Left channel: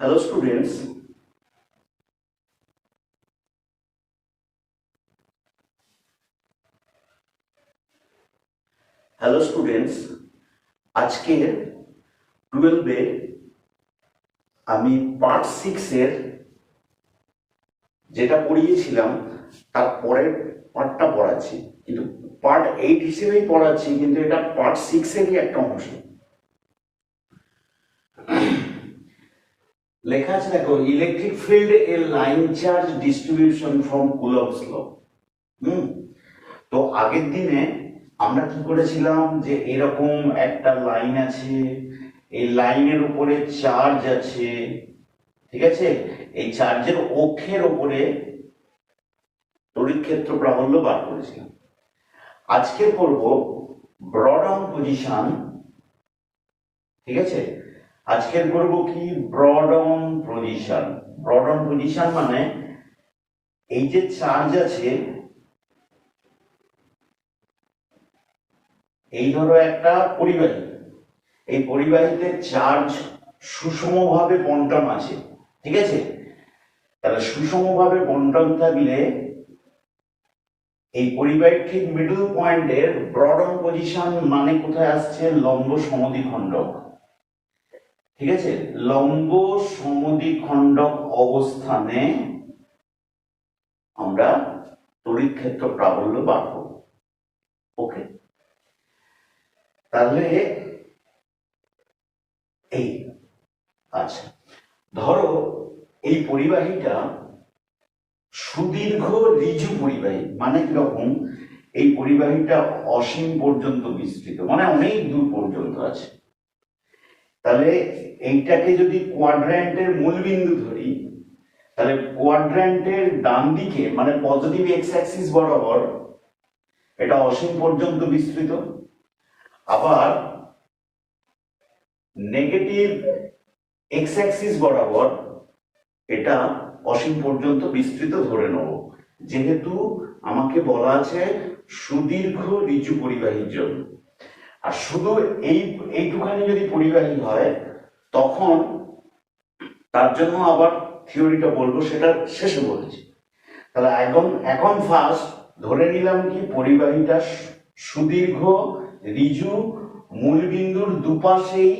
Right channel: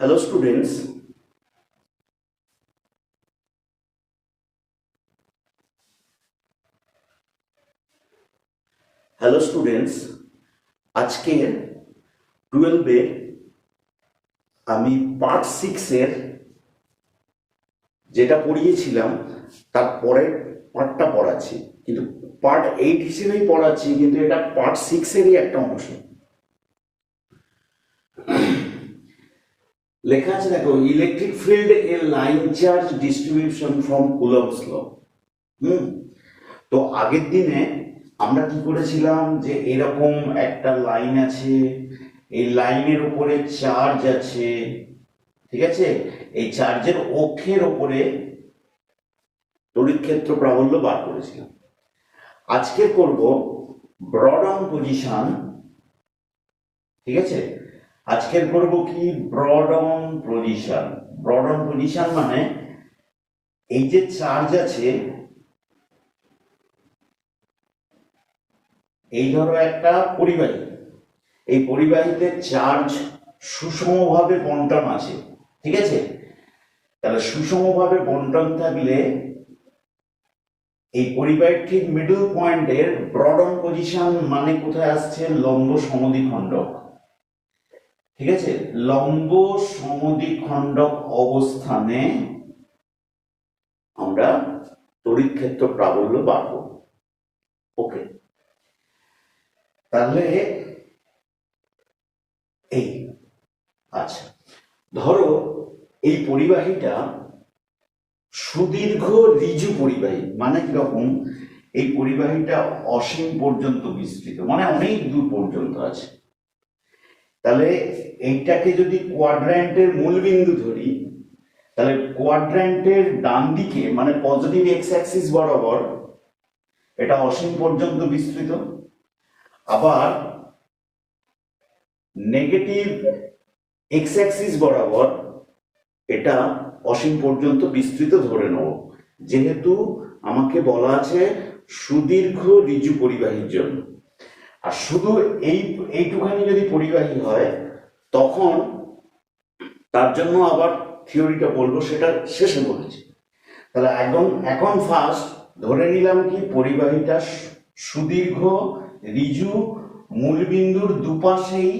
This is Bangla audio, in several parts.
Hello students, আজকের 12 আমি পার্ট 6 এর যেটা পড়িয়েছিলাম তার পরের পার্টটা পড়াচ্ছি, কিন্তু পার্ট 8 হিসেবেই পড়াচ্ছি, কিন্তু এটা পার্ট 6 এরই একটা অংশ। লেখা আছে, দেখো, electric field a line charge distribution from Coulomb's law. তো আগের দিনে আমরা কি করেছিলাম, যে এরকম একটা লাইন আছে, এই লাইনের উপরে চার্জ আছে, ঠিক আছে, এই চার্জের অক্ষের উপরে তড়িৎ ক্ষেত্র প্রাবল্য বার করেছিলাম। আজকে করব ব্রড অন পজিশন, ঠিক আছে, আজকের করব কি ব্রড অন পজিশন। ব্রড অন পজিশন মানে এই যে চার্জ আছে, এই ধরো একটা পরিবাহী, এই পরিবাহীতে চার্জ সুষমভাবে বন্টন আছে, ঠিক আছে। তাহলে সুষমভাবে বন্টন থাকলে এই পরিবাহীর ঠিক মিডল পয়েন্টের ব্রড অন পজিশন মানে কোথায় আসছে, লম্ব সমদ্বিখণ্ডক, ঠিক আছে, লম্ব সমদ্বিখণ্ডক অবস্থানে আমরা তড়িৎ ক্ষেত্র প্রাবল্য বার করব। ওকে, তাহলে এই আচ্ছা, ধরো এই পরিবাহীটা সুদীর্ঘ ঋজু পরিবাহী, মানে কিরকম, এই পরিবাহীটা অসীম পর্যন্ত বিস্তৃত, মানে অনেক দূর পর্যন্ত আছে। তাহলে এইটাকে যদি কোয়াড্র্যান্টের মূল বিন্দু ধরি, তাহলে কোয়াড্র্যান্টের ডান দিকে মানে পজিটিভ এক্স অ্যাক্সিস বরাবর এটা অসীম পর্যন্ত বিস্তৃত, আবার নেগেটিভ এক্স অ্যাক্সিস বরাবর এটা অসীম পর্যন্ত বিস্তৃত ধরে নেব, যেহেতু আমাকে বলা আছে সুদীর্ঘ ঋজু পরিবাহীর জন্য। আর শুধু এইটুখানি যদি পরিবাহী হয় তখন তার জন্য আবার থিওরিটা বলবো, সেটা শেষে বলেছি। তাহলে এখন ফার্স্ট ধরে নিলাম কি পরিবাহীটা সুদীর্ঘ ঋজু, মূলবিন্দুর দুপাশেই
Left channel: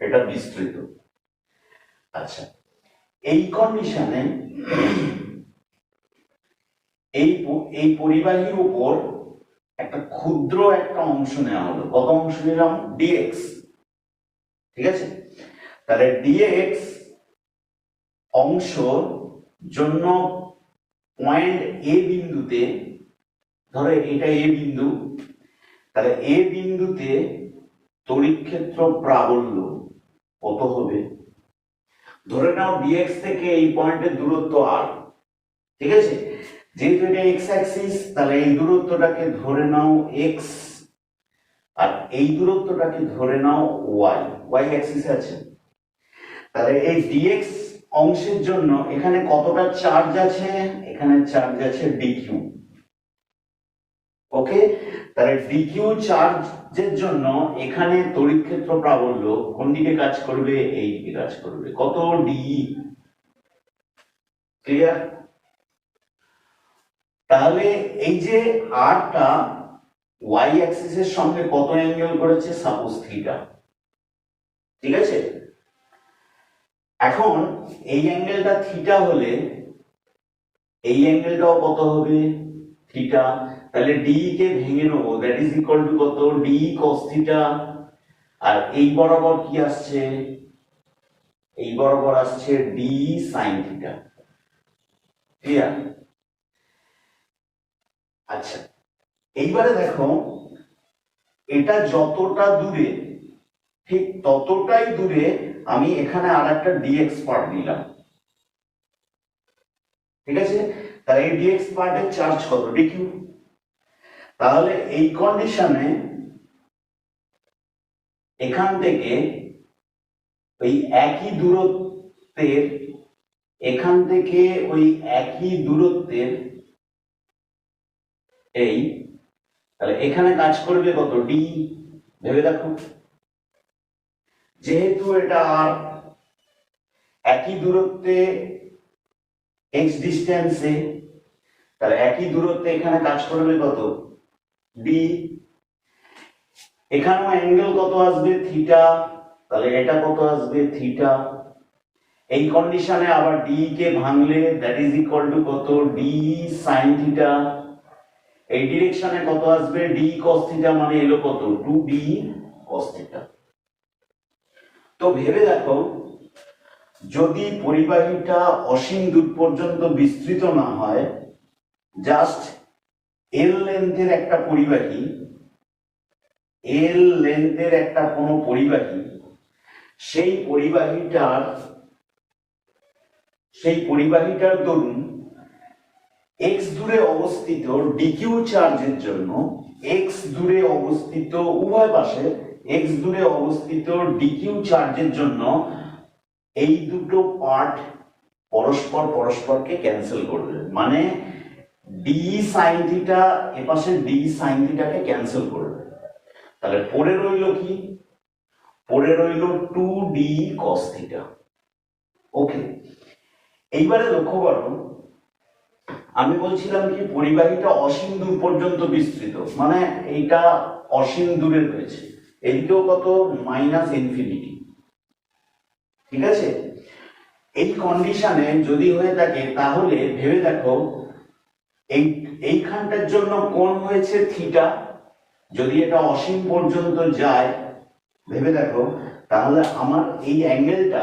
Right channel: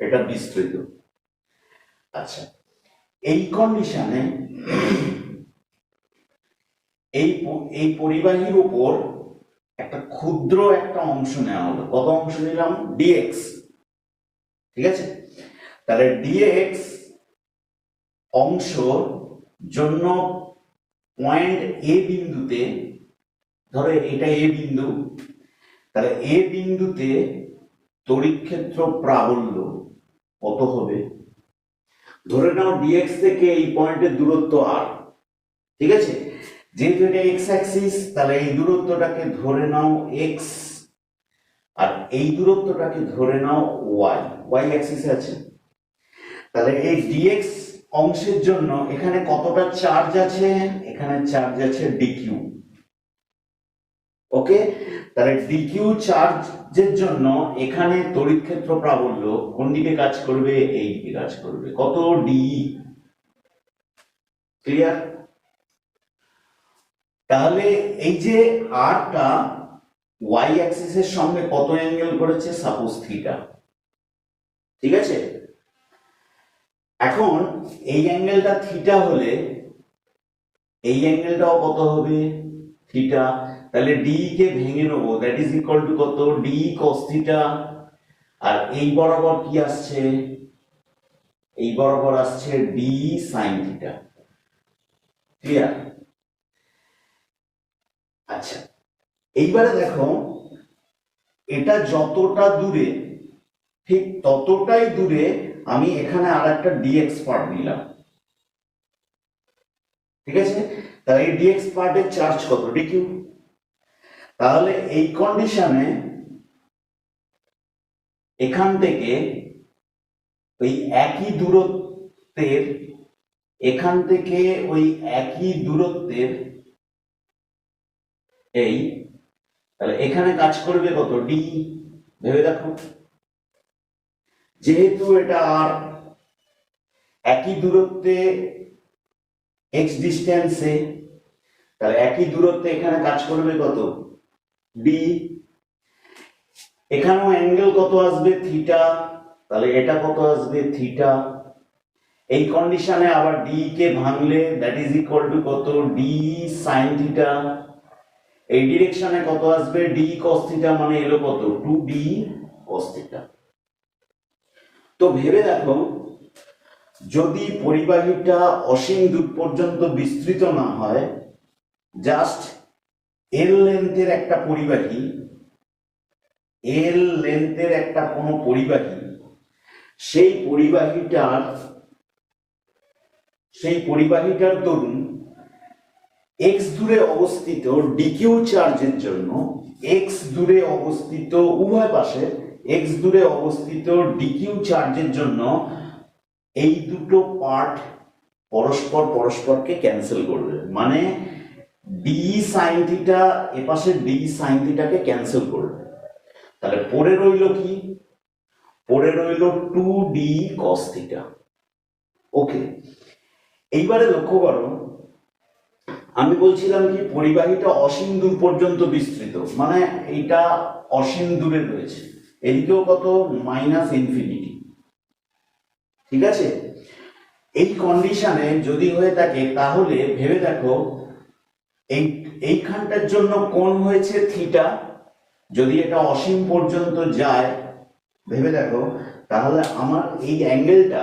এটা বিস্তৃত। আচ্ছা, এই কন্ডিশনে এই পরিবাহীর উপর একটা ক্ষুদ্র একটা অংশ নেওয়া হলো। কত অংশ নিলাম, ডিএক্স, ঠিক আছে। তাহলে ডিএক্স অংশ জন্য পয়েন্ট এ বিন্দুতে, ধরো এটা এ বিন্দু, তাহলে এ বিন্দুতে তড়িৎ ক্ষেত্র প্রাবল্য কত হবে, ধরে নাও ডিএক্স থেকে এই পয়েন্টের দূরত্ব আর, ঠিক আছে। যেহেতু এটা এক্স অ্যাক্সিস, তাহলে এই দূরত্বটাকে ধরে নাও এক্স, আর এই দূরত্বটাকে ধরে নাও ওয়াই, ওয়াই অ্যাক্সিস আছে। তাহলে এই ডিএক্স অংশের জন্য এখানে কতটা চার্জ আছে, এখানে চার্জ আছে ডিকিউ। ওকে, তাহলে ডিকিউ চার্জের জন্য এখানে তড়িৎ ক্ষেত্র প্রাবল্য কোন দিকে কাজ করবে, এই দিকে কাজ করবে, কত, ডি। ক্লিয়ার? তাহলে এই যে আরটা ওয়াই অ্যাক্সিসের সঙ্গে কত অ্যাঙ্গেল করেছে, সাপোজ থিটা, ঠিক আছে। এখন এই অ্যাঙ্গেলটা থিটা হলে এই অ্যাঙ্গেলটাও কত হবে, থিটা। তাহলে ডি কে ভেঙে নেবো, দ্যাট ইজ ইকুয়াল টু কত, ডি কস থিটা। আর এই বরাবর কি আসছে, এই বরাবর আসছে ডি সাইন থিটা। ক্লিয়ার? আচ্ছা, এইবারে দেখো এটা যতটা দূরে ঠিক ততটাই দূরে আমি এখানে আর একটা ডিএক্স পার্ট নিলাম, ঠিক আছে। তাই এই ডিএক্স পার্টের চার্জ কত, ডিকিউ। তাহলে এই কন্ডিশনে এখান থেকে ওই একই দূরত্বের, এখান থেকে ওই একই দূরত্বের এই, তাহলে এখানে কাজ করবে কত, ডি। ভেবে দেখো, যেহেতু এটা আর, একই দূরত্বে এক্স ডিস্টেন্সে, তাহলে একই দূরত্বে এখানে কাজ করবে কত, ডি। এখানেও অ্যাঙ্গেল কত আসবে, থিটা, তাহলে এটা কত আসবে, থিটা। এই কন্ডিশনে আবার ডি কে ভাঙলে দ্যাট ইজ ইকুয়াল টু কত, ডি সাইন থিটা। এই ডিরেকশনে কত আসবে, ডি কস থিটা, মানে এলো কত, 2d cos থিটা। তো ভেবে দেখো, যদি পরিবাহীটা অসীম দূর পর্যন্ত বিস্তৃত না হয়, জাস্ট এল লেন্থের একটা পরিবাহী, এল লেন্থের একটা কোনো পরিবাহী, সেই পরিবাহীটার দরুন এক্স দূরে অবস্থিত ডিকিউ চার্জের জন্য, এক্স দূরে অবস্থিত উভয় পাশে এক্স দূরে অবস্থিত ডিকিউ চার্জের জন্য এই দুটো পার্ট পরস্পরকে ক্যান্সেল করবে, মানে ডি সাইন থিটা এপাশে ডি সাইন থিটাকে ক্যান্সেল করবে। তাহলে পরে রইল কি, পরে রইল 2d cos থিটা। ওকে, এইবারে লক্ষ্য করো, আমি বলছিলাম কি পরিবাহীটা অসীম দূর পর্যন্ত বিস্তৃত, মানে এটা অসীম দূরে রয়েছে, এদিকেও কত, মাইনাস ইনফিনিটি। ঠিক আছে, এই কন্ডিশনে যদি হয়ে থাকে তাহলে ভেবে দেখো, এইখানটার জন্য কোণ হয়েছে থিটা, যদি এটা অসীম পর্যন্ত যায় ভেবে দেখো, তাহলে আমার এই অ্যাঙ্গেলটা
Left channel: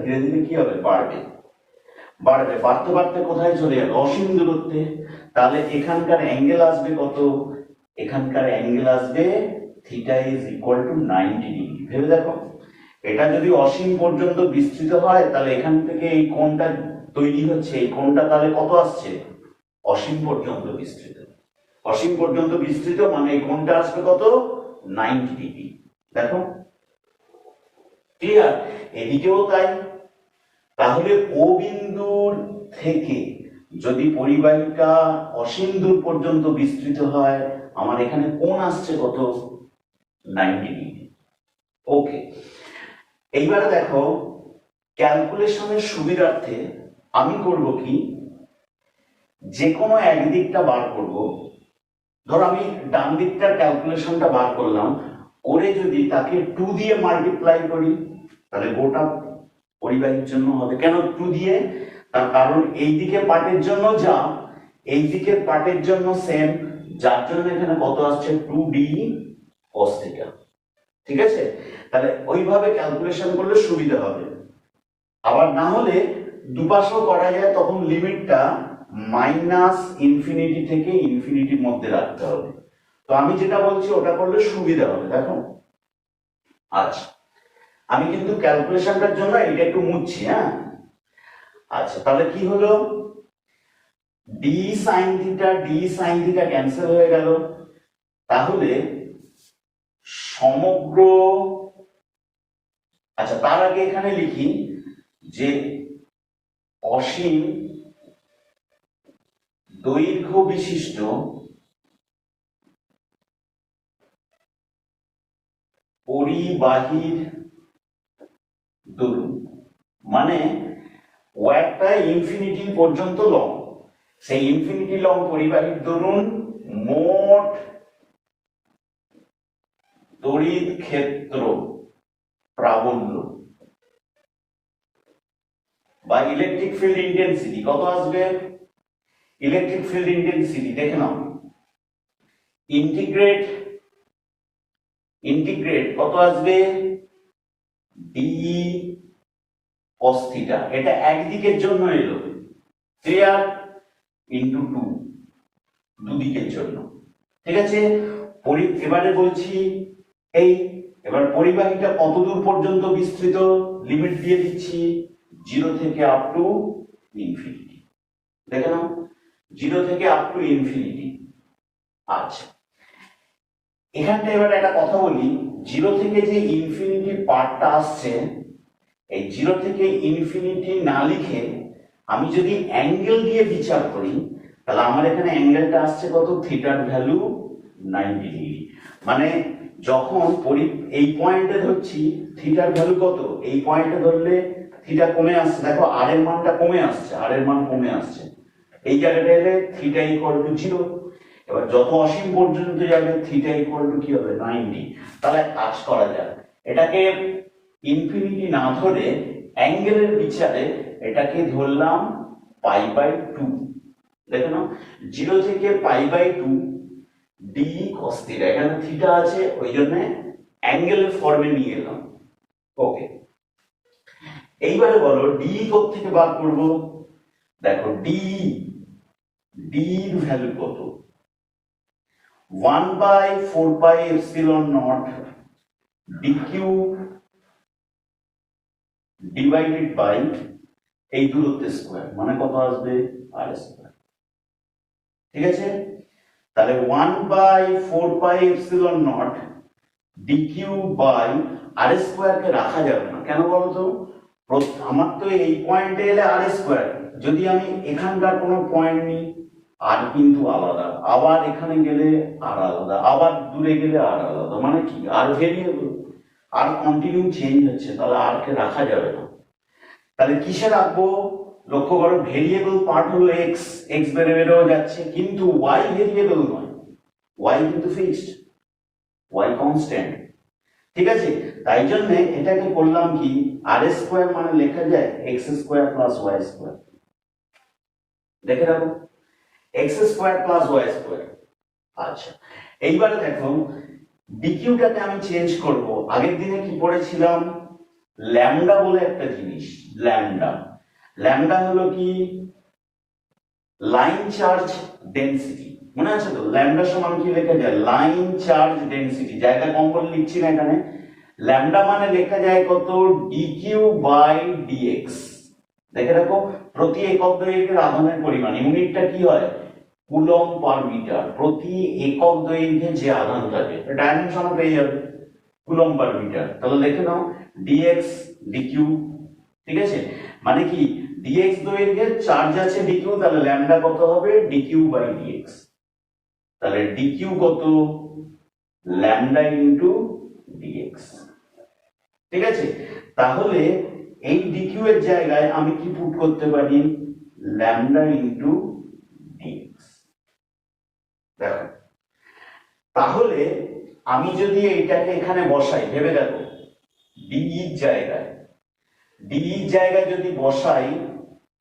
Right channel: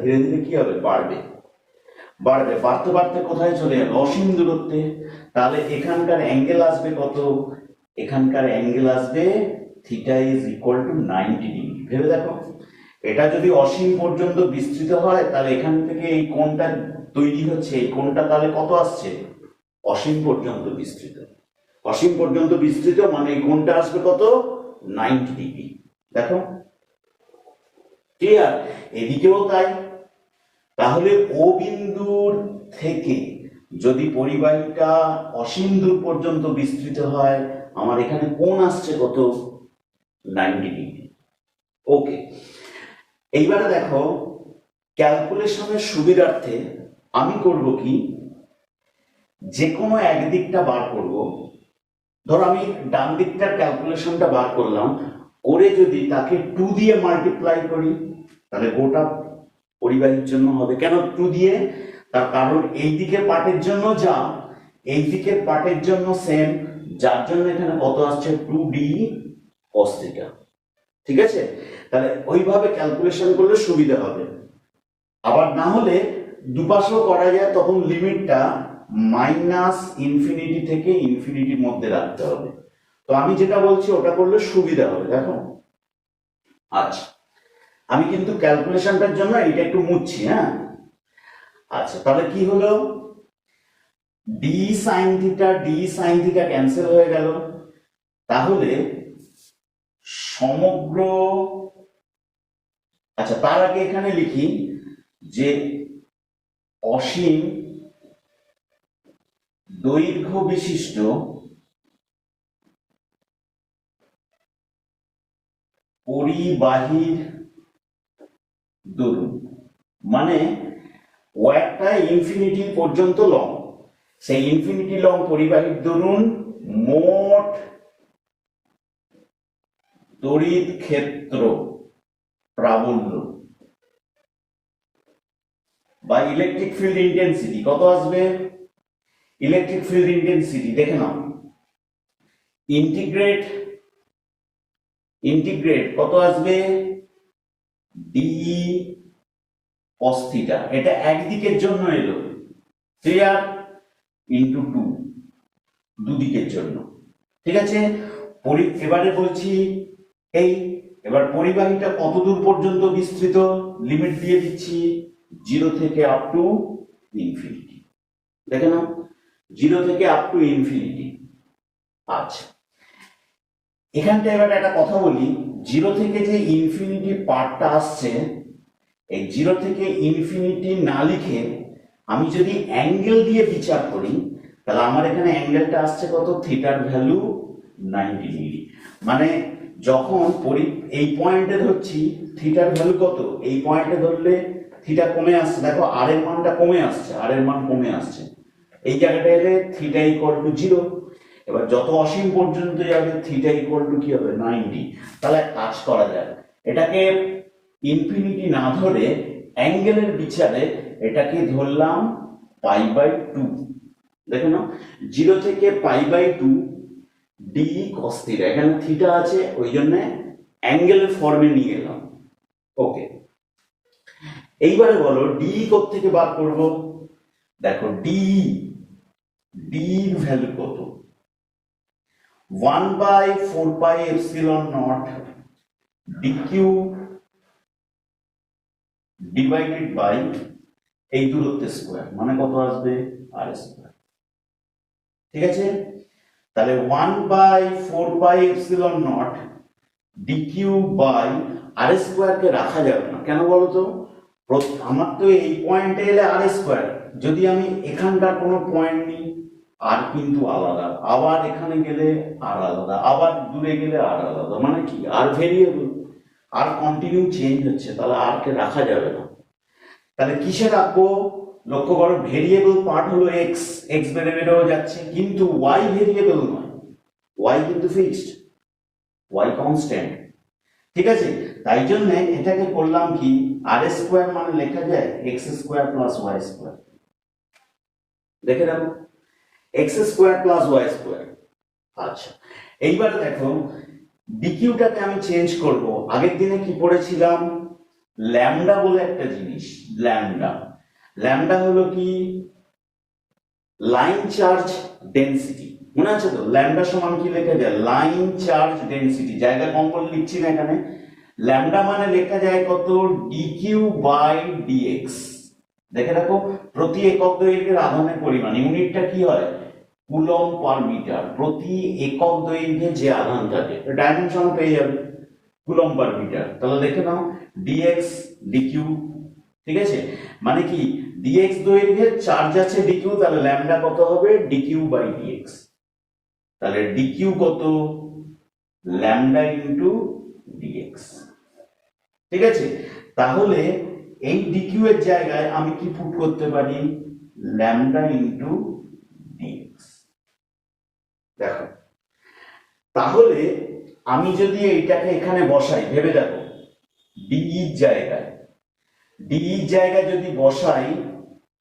ধীরে ধীরে কি হবে, বাড়বে, বাড়তে বাড়তে কোথায় চলে যাবে, অসীম দূরত্বে। তাহলে এখানকার অ্যাঙ্গেল আসবে কত, এখানকার অ্যাঙ্গেল আসবে theta is equal two 90 degree. ভেবে দেখো, এটা যদি অসীম পর্যন্ত বিস্তৃত হয়, তাহলে এখান থেকে এই কোণটা তৈরি হচ্ছে, এই কোণটা তাহলে কত আসছে, অসীম পর্যন্ত বিস্তৃত। অসীম পর্যন্ত বিস্তৃত মানে এই কোণটা আসবে কত, 90 ডিগ্রি। দেখো ক্লিয়ার, এদিকেও তাই। তাহলে ও বিন্দুর থেকে যদি পরিবাহীটা অসীম দূর পর্যন্ত বিস্তৃত হয়, আমার এখানে কোণ আসছে কত, 90 ডিগ্রি। ওকে, এইবারে দেখো, ক্যালকুলেশনের সুবিধার্থে আমি করব কি, যে কোনো একদিকটা বার করব। ধর আমি ডান দিকটার ক্যালকুলেশনটা বার করলাম, করে যদি তাকে 2 দিয়ে মাল্টিপ্লাই করি, তাহলে গোটা পরিবাহীর জন্য হবে। কেন 2 দিয়ে, তার কারণ এই দিকের পার্টের জন্য যা, এই দিকের পার্টের জন্য সেম, যার জন্য এখানে কত আসছে, 2d cos থিটা। ঠিক আছে, তাহলে ওইভাবে ক্যালকুলেশন করলে সুবিধা হবে। আবার না হলে দুপাশেও করা যায়, তখন লিমিটটা মাইনাস ইনফিনিটি থেকে ইনফিনিটির মধ্যে রাখতে হবে। তো আমি যেটা বলছি ওটা করলে সুবিধা হবে। দেখো, আচ্ছা আমি কিন্তু ক্যালকুলেশনটার জন্য এটা একটু মুছছি, হ্যাঁ। আচ্ছা, তাহলে কি হলো, ডি সাইন থিটা ক্যান্সেল হয়ে গেল। তাহলে সমগ্র, আচ্ছা তার আগে এখানে লিখি যে অসীম দৈর্ঘ্য বিশিষ্ট পরিবাহীর দরুন, মানে ওয়্যারটা ইনফিনিটি পর্যন্ত লং, সেই ইনফিনিটি লং পরিবাহীর দরুন মোট তড়িৎ ক্ষেত্র প্রাবল্য বা ইলেকট্রিক ফিল্ড ইন্টেন্সিটি কত আসবে, ইলেকট্রিক ফিল্ড ইন্টেন্সিটি দেখে নাও, ইন্টিগ্রেট কত আসবে, ডি cos থিটা, এটা একদিকের জন্য এলো, ক্লিয়ার, ইন্টু 2 দুদিকের জন্য। ঠিক আছে, এবারে বলছি এবার পরিবাহীটা কত দূর পর্যন্ত বিস্তৃত, লিমিট দিয়ে দিচ্ছি 0 থেকে আপ টু ইনফিনিটি। দেখে নাও, 0 থেকে আপ টু ইনফিনিটি। আচ্ছা, এখানটা এবার একটা কথা বলি, 0 থেকে যে ইনফিনিটি পার্টটা আসছে, এই 0 থেকে ইনফিনিটি না লিখে আমি যদি অ্যাঙ্গেল দিয়ে বিচার করি, তাহলে আমার এখানে অ্যাঙ্গেলটা আসছে কত, থিটার ভ্যালু 90 ডিগ্রি। মানে যখন এই পয়েন্টে ধরছি থিটার ভ্যালু কত, এই পয়েন্টে ধরলে থিটা কমে আসছে, দেখো আর এর মানটা কমে আসছে, আর এর মান কমে আসছে, এই জায়গাটা এলে থিটা ইকুয়াল টু 0। এবার যত অসীম পর্যন্ত যাবে থিটা ইকুয়াল টু কি হবে 90। তাহলে কাজ করা যায়, এটাকে ইনফিনিটি না ধরে অ্যাঙ্গেলের বিচারে এটাকে ধরলাম π/2। দেখে নাও 0 থেকে π/2 ডি cos থিটা, এখানে থিটা আছে ওই জন্য অ্যাঙ্গেলের ফর্মে নিয়ে এলাম। ওকে, এইবারে বলো ডি থেকে বার করব। দেখো ডি এর ভ্যালু কত, 1/4πε0 dq ডিভাইডেড বাই এই দূরত্বের স্কোয়ার, মানে কত আসবে আর স্কোয়ার। ঠিক আছে, তাহলে 1/4πε0 dq বাই আর স্কোয়ারকে রাখা যাবে না, কেন বলতো, আমার তো এই পয়েন্টে এলে আর স্কোয়ার, যদি আমি এখানকার কোনো পয়েন্ট নিই আর কিন্তু আলাদা, আবার এখানে গেলে আর আলাদা, আবার দূরে গেলে আর আলাদা, মানে কি আর ভেরিয়েবল, আর কন্টিনিউ চেঞ্জ হচ্ছে, তাহলে আর কে রাখা যাবে না। তাহলে কিসে রাখবো, লক্ষ্য করো ভেরিয়েবল পার্ট হলো এক্স, এক্স বেড়ে বেড়েও যাচ্ছে, কিন্তু ওয়াই ভেরিয়েবল নয়, ওয়াই কিন্তু ফিক্সড, ওয়াই কনস্ট্যান্ট। ঠিক আছে, তাই জন্য এটাকে করলাম কি, আর স্কোয়ার মানে লেখা যায় x square plus y square. দেখে রাখো x square plus y square. আচ্ছা, এইবার দেখো ডিকিউটাকে আমি চেঞ্জ করব। আগের দিনে কি পড়েছিলাম, ল্যামডা বলে একটা জিনিস, ল্যামডা, ল্যামডা হলো কি লাইন চার্জ ডেনসিটি, মনে আছে তো, ল্যামডা সমান কি লেখা যায় লাইন চার্জ ডেনসিটি, জায়গা কম করে লিখছি না এখানে, ল্যামডা মানে লেখা যায় কত ডিকিউ বাই ডিএক্স। দেখে রাখো প্রতি একক দৈর্ঘ্যের আধানের পরিমাণ, ইউনিটটা কি হয় কুলম পার মিটার, প্রতি একক দৈর্ঘ্যে যে আধান থাকে ডাইমেনশন পেয়ে যাবে কুলম পার মিটার। তাহলে দেখে নাও ডিএক্স ডিকিউ, ঠিক আছে, মানে কি ডিএক্স দৈর্ঘ্যের চার্জ আছে ডিকিউ, তাহলে ল্যামডা কত হবে ডিকিউ বাই ডিএক্স। তাহলে ডিকিউ কত ল্যামডা ইন্টু ডিএক্স। ঠিক আছে, তাহলে এই ডিকিউ এর জায়গায় আমি কি পুট করতে পারি ল্যামডা ইন্টু ডিএক্স। দেখো তাহলে আমি যদি এইটাকে এখানে বসাই, ভেবে দেখো ডিই জায়গায়, ডিই জায়গায় যদি বসাই,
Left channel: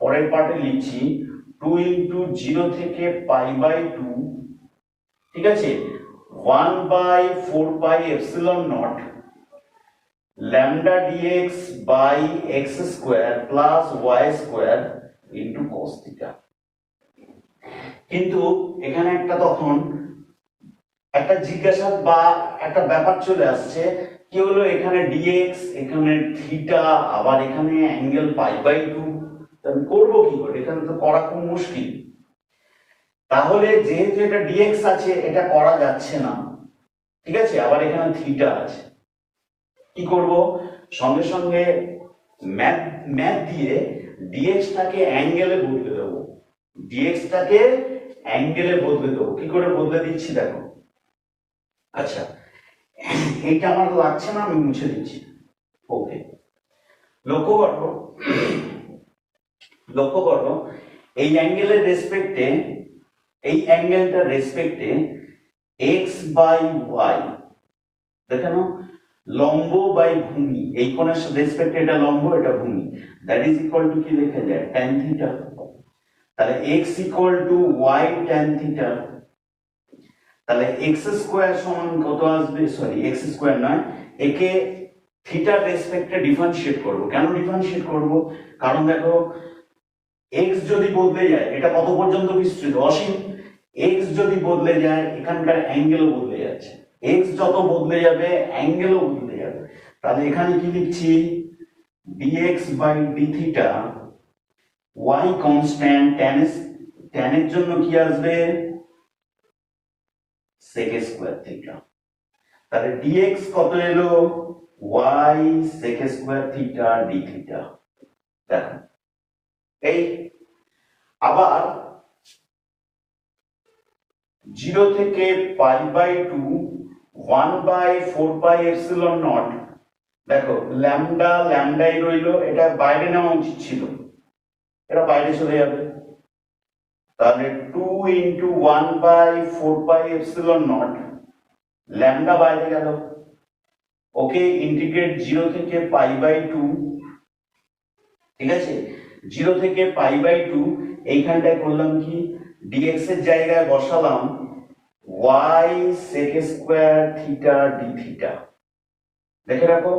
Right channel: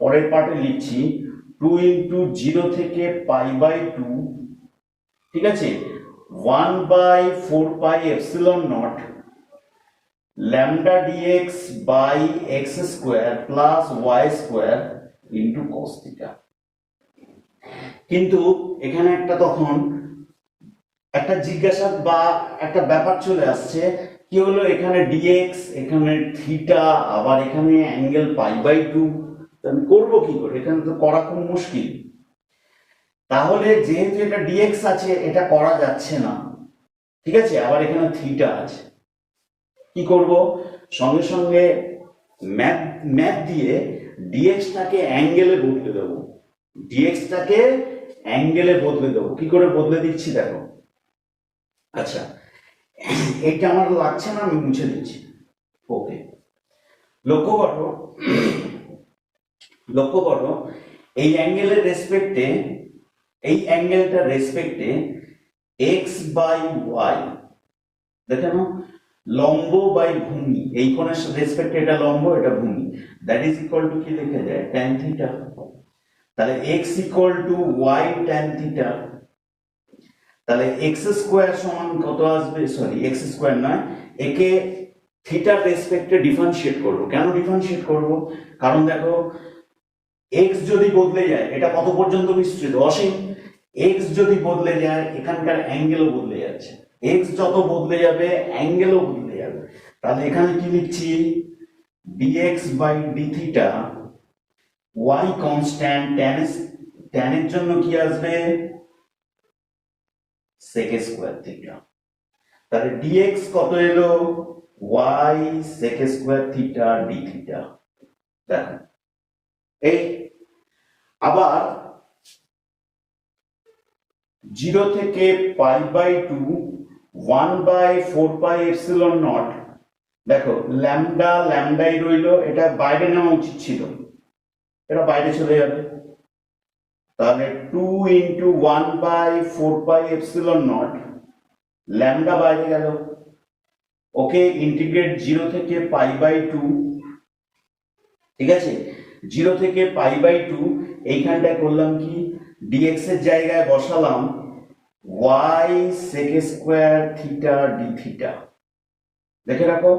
পরের পার্টে লিখছি 2 ইন্টু 0 থেকে π/2, ঠিক আছে, 1/4πε0 lambda dx by x square plus y square into cos theta. কিন্তু এখানে একটা তখন একটা জিজ্ঞাসা বা একটা ব্যাপার চলে আসছে, কি হলো এখানে ডিএক্স, এখানে থিটা, আবার এখানে অ্যাঙ্গেল π/2, আমি করবো কি করে, এখানে তো করা খুব মুশকিল। তাহলে যেহেতু এটা ডিএক্স আছে এটা করা যাচ্ছে না, ঠিক আছে, আবার এখানে থিটা আছে, কি করব, সঙ্গে সঙ্গে ম্যাথ দিয়ে ডিএক্সটাকে অ্যাঙ্গেলে বদলে দেবো, ডিএক্সটাকে অ্যাঙ্গেলে বদলে দেবো। কি করে বদলে দিচ্ছি দেখো, আচ্ছা এইটা আমার লাগছে না, আমি মুছে দিচ্ছি। ওকে, লক্ষ্য করো এই অ্যাঙ্গেলের রেসপেক্টে, এই অ্যাঙ্গেলটার রেসপেক্টে এক্স বাই ওয়াই, দেখেন লম্ব বাই ভূমি, এই কোণের রেসপেক্টে এটা লম্ব এটা ভূমি, দ্যাট ইজ ইকুয়াল টু কি লেখা যায় tan থিটা। তাহলে x equal to y tan theta, তাহলে এক্স স্কোয়ার সমান কত আসবে, সরি এক্স স্কোয়ার নয়, একে থিটার রেসপেক্টে ডিফারেন্সিয়েট করব। কেন ডিফারেন্সিয়েট করব, কারণ দেখো এক্স যদি বদলে যায়, এটা কত পর্যন্ত বিস্তৃত অসীম, এক্স যদি বদলে যায় এখানকার অ্যাঙ্গেলও বদলে যাচ্ছে, এক্স যত বদলে যাবে অ্যাঙ্গেলও বদলে যাবে। তাহলে এখানে কি লিখছি dx by d theta, y constant, tan এর জন্য কি আসবে sec স্কয়ার থিটা, তাহলে dx কত এলো y sec square theta d theta. দেখো এই আবার 0 থেকে π/2 1/4πε0 দেখো ল্যামডা ল্যামডাই রইলো, এটা বাইরে নেওয়া উচিত ছিল, এটা বাইরে চলে যাবে। তাহলে 2 × 1/4πε0, ল্যামডা বাইরে গেল। ওকে, ইন্টিগ্রেট 0 থেকে π/2, ঠিক আছে, 0 থেকে π/2। এইখানটায় করলাম কি, dx এর জায়গায় বসালাম y sec² theta d theta. দেখে রাখো,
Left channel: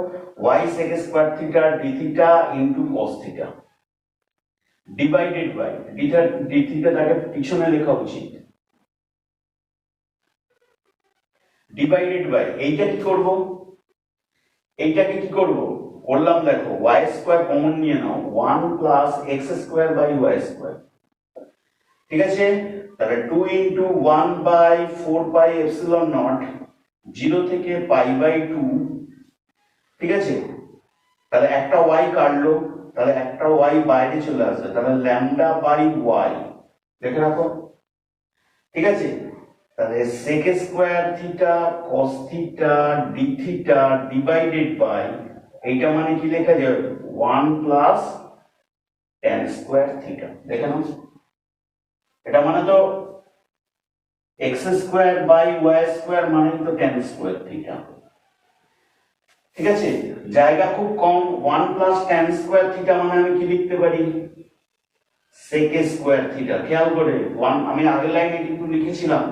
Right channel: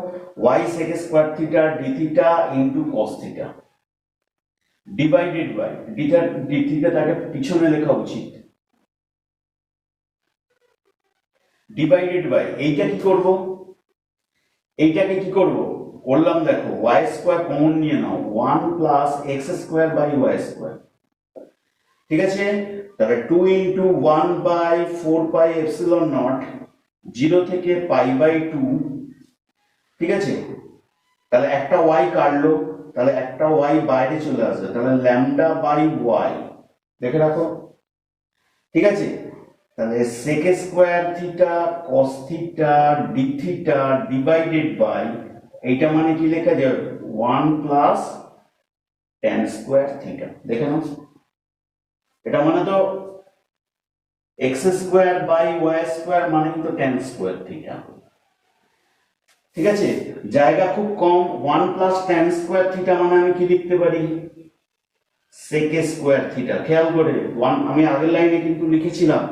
y sec² theta d theta into cos theta divided by ডিটা d থিটাটাকে পিছনে লেখা উচিত, ডিভাইডেড বাই এইটা কি করব, এইটাকে কি করব করলাম, দেখো y² কমন নিয়ে নাও, 1 + x²/y², ঠিক আছে। তাহলে 2 × 1/4πε0, 0 থেকে π/2, ঠিক আছে। তাহলে একটা y কাটলো, তাহলে একটা y বাইরে চলে আসবে, তাহলে λ/y দেখে রাখো, ঠিক আছে। তাহলে sec² theta cos theta d theta divided by, এইটা মানে কি লেখা যাবে, 1 + tan² থিটা। দেখে নাও, এটা মানে তো x²/y² মানে তো tan² থিটা, ঠিক আছে। জায়গা খুব কম, 1 + tan² থিটা মানে আমি কি লিখতে পারি, sec² থিটা। খেয়াল করে আমি আগের লাইনে কিন্তু লিখেছিলাম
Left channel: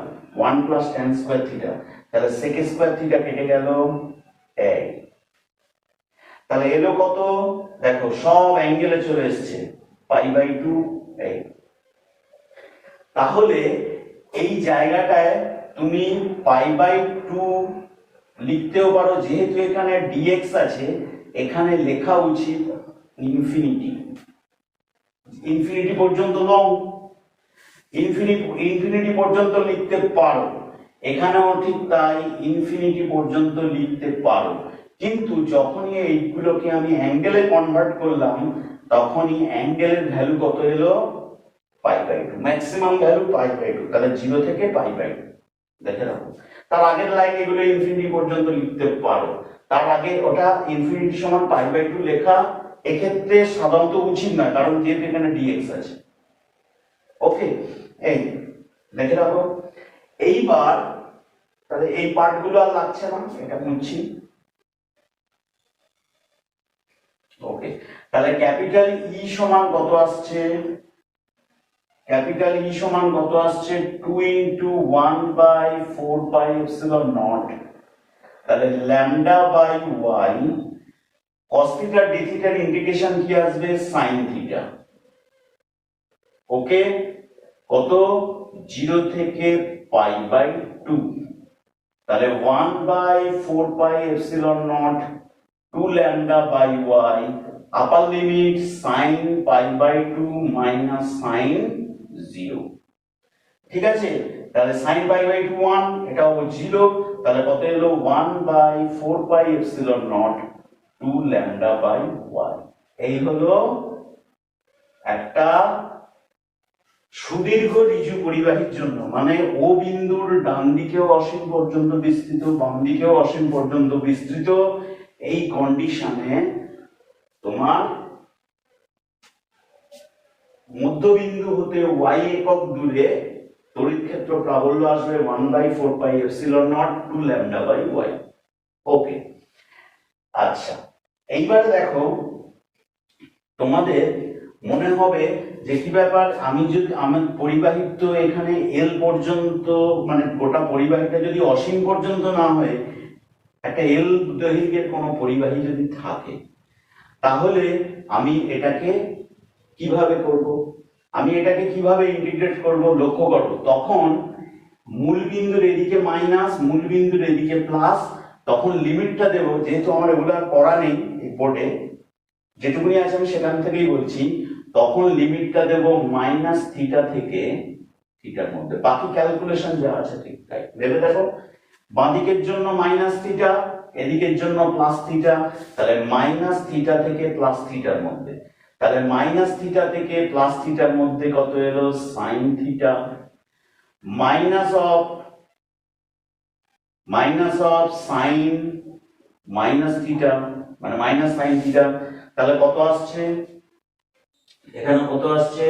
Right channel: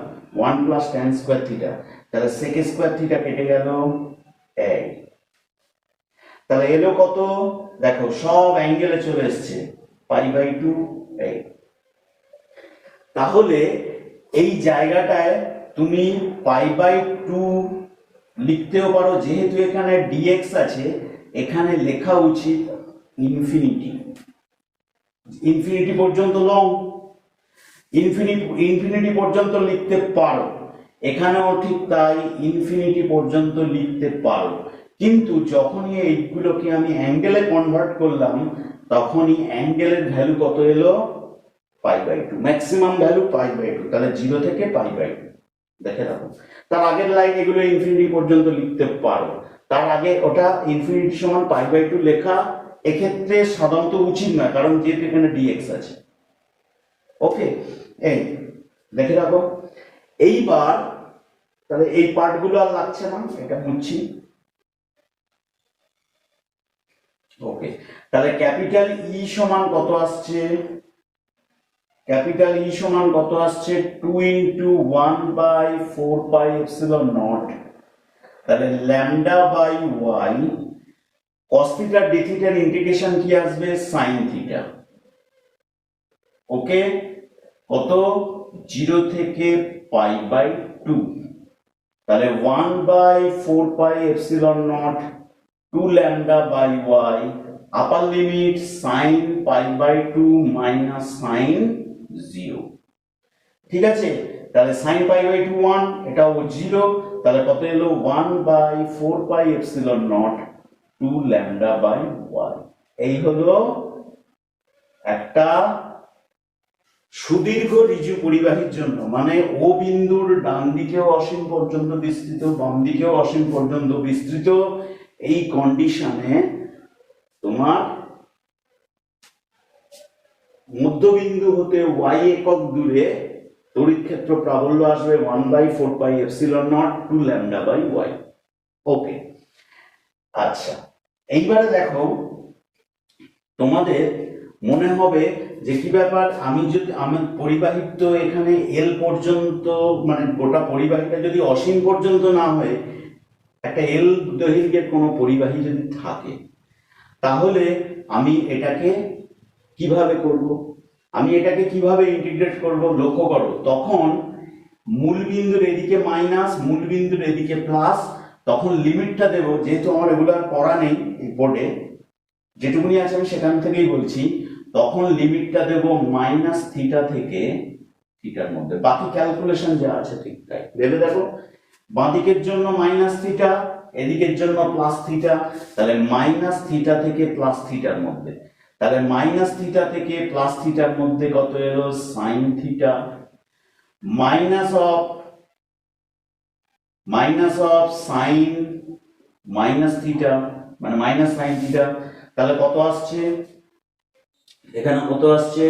1 + tan² থিটা, তাহলে sec² থিটা কেটে গেল এই, তাহলে এলো কত, দেখো সব অ্যাঙ্গেলে চলে এসেছে π/2 এই। তাহলে এই জায়গাটায় তুমি π/2 লিখতেও পারো, যেহেতু এখানে dx আছে, এখানে লেখা উচিত ইনফিনিটি, ইনফিনিটি পর্যন্ত লং, ইনফিনিটি পর্যন্ত লিখতে পারো, এখানেও ঠিক তাই, ইনফিনিটি পর্যন্ত লিখতে পারো। কিন্তু যখনই এইগুলোকে আমি অ্যাঙ্গেলে কনভার্ট করলাম, তখনই অ্যাঙ্গেলের ভ্যালু কত এলো, π/2, ম্যাক্সিমাম ভ্যালু π/2, তাহলে 0 থেকে π/2 দেখে রাখো। তার আগের লাইন এগুলো ইনফিনিটি পর্যন্ত লিখতে পারো, তার আগে ওটা ইনফিনিটি সমান π/2 লেখা এক্ষেত্রে সাধারণত উচিত না, কারণ যেহেতু এখানে dx আছে। ওকে, এই দেখে রাখো। এইবার তাহলে এই পার্টগুলো আর লাগছে না, এটা বুঝছি। ওকে, তাহলে ক্যাপিটাল ই সমান কত আসছে, ক্যাপিটাল ই সমান কত আসছে, 2 × 1/4πε0, তাহলে λ/y cos থিটা d থিটার ইন্টিগ্রেশন কি আসবে, sin থিটা। ওকে, কত, 0 থেকে π/2, তাহলে 1/4πε0 2λ/y, upper limit sin π/2 minus sin 0, ঠিক আছে। তাহলে sin π/2 1, এটাও 0, তাহলে কত এলো, 1/4πε0 2λ/y। এই হলো একটা সুদীর্ঘ ঋজু পরিবাহীর জন্য, মানে ও বিন্দুর ডান দিকেও অসীম পর্যন্ত বিস্তৃত, বাম দিকেও অসীম পর্যন্ত বিস্তৃত, এই কন্ডিশনে তোমার মধ্যবিন্দু হতে y একক দূরে তড়িৎ ক্ষেত্র প্রাবল্য আসবে 1/4πε0 2λ/y। ওকে, আচ্ছা, এইবারে দেখো, তোমাদের মনে হবে যে কি ব্যাপার, আমি যদি আমার পরিবাহীর তো এখানে এল পর্যন্ত, মানে গোটা পরিবাহীটা যদি অসীম পর্যন্ত না হয়, একটা এল দৈর্ঘ্যের কোনো পরিবাহী যদি থাকে, তাহলে আমি এটাকে কিভাবে করব, আমি এটাকে কিভাবে ইন্টিগ্রেট করব, লক্ষ্য করো, তখন মূল বিন্দুর এদিকে মাইনাস, মূল বিন্দুর এদিকে প্লাস, তখন লিমিটটা দেব, যেহেতু আমার এগুলো পড়া নেই বোর্ডে, যেটুকুনি আছে আমি সেখান থেকেই বলছি, তখন লিমিটটা দেব মাইনাস থিটা থেকে থিটার মধ্যে, বাকি ক্যালকুলেশন যা আছে ঠিক তাই ভেবে দেখো। বাঁদিকের জন্য মাইনাস থিটা, এদিকের জন্য প্লাস থিটা, তাহলে মাইনাস থিটা থেকে প্লাস থিটার মধ্যে, তাহলে মাইনাস থিটা থেকে প্লাস থিটার মধ্যে কত এলো, sine theta, minus of sign minus theta, মানে মাইনাস সাইন থিটা। তাহলে কত আসছে এখানে, কত আসছে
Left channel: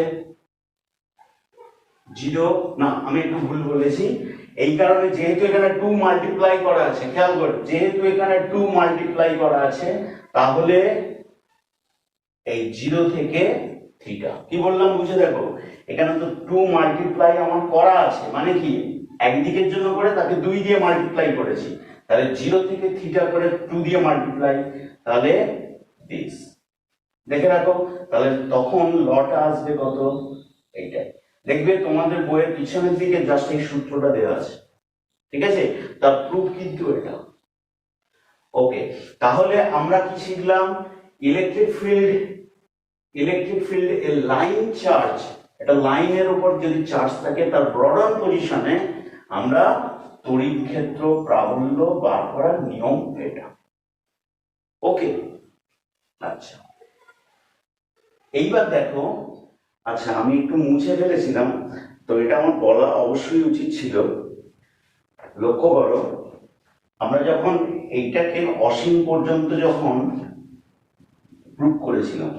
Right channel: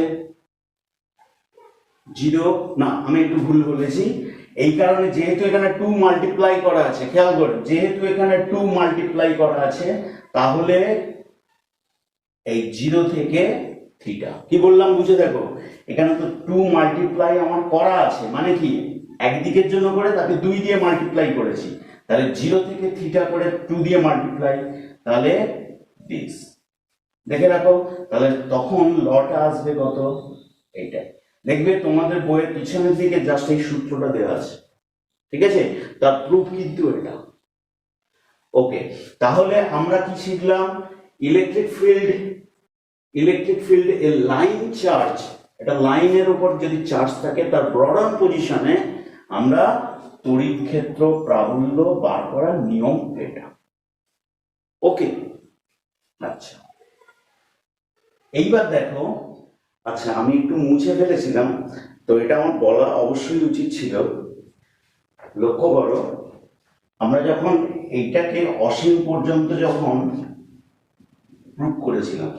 0, না আমি একটু ভুল বলেছি, এই কারণে যেহেতু এখানে 2 মাল্টিপ্লাই করা আছে, খেয়াল করো যেহেতু এখানে 2 মাল্টিপ্লাই করা আছে, তাহলে এই 0 থেকে থিটা, কি বললাম বুঝে দেখো, এখানে তো 2 মাল্টিপ্লাই আমার করা আছে, মানে কি একদিকের জন্য করে তাকে 2 দিয়ে মাল্টিপ্লাই করেছি, তাহলে 0 থেকে থিটা করে 2 দিয়ে মাল্টিপ্লাই, তাহলে দিস, দেখে রাখো, তাহলে তখন লটা আসবে কত, এইটা দেখবে তোমাদের বইয়ের পিছনের দিকে জাস্ট এই সূত্রটা দেওয়া আছে, ঠিক আছে, তার প্রুফ কিন্তু এটা। ওকে, তাহলে আমরা কি শিখলাম, electric field a line charge, এটা লাইনের উপর যদি চার্জ থাকে তার ব্রডার পজিশনে আমরা তড়িৎ ক্ষেত্র প্রাবল্য বার করার নিয়ম এটা। ওকে, আচ্ছা এইবার দেখো, আচ্ছা আমি একটু মুছে ফেলেছিলাম, তো এটা আমার বলা অবশ্যই উচিত ছিল। লক্ষ্য করো, আমরা যখন এইটাকে অসীম পর্যন্ত যখন প্রুভ করেছিলাম,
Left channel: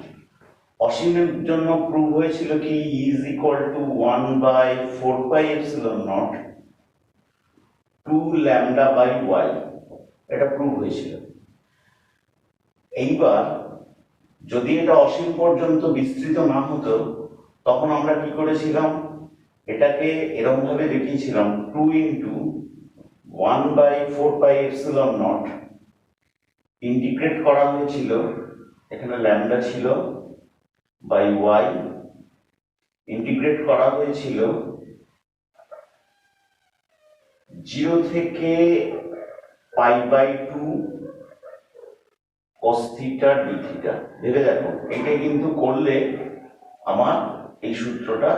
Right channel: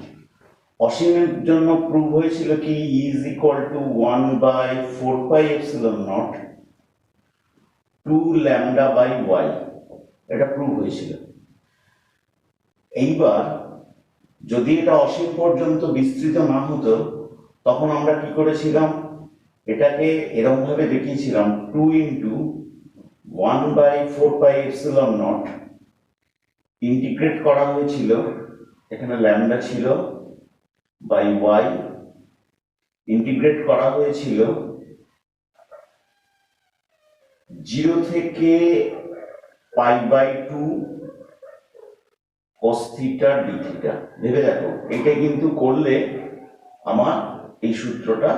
অসীমের জন্য প্রুভ হয়েছিল কি ইজ ইকুয়াল টু 1/4πε0 2 λ/y, এটা প্রুভ হয়েছিল। এইবার যদি এটা অসীম পর্যন্ত বিস্তৃত না হতো, তখন আমরা কি করেছিলাম, এটাকে এরকম ভাবে দেখিয়েছিলাম 2 × 1/4πε0 ইন্টিগ্রেট করা হয়েছিল, এখানে ল্যামডা ছিল, বাই y ইন্টিগ্রেট করা হয়েছিল 0 থেকে π/2 cos থিটা d থিটা। ভেবে দেখো, এটা কিন্তু করলে আমার এই সূত্রটা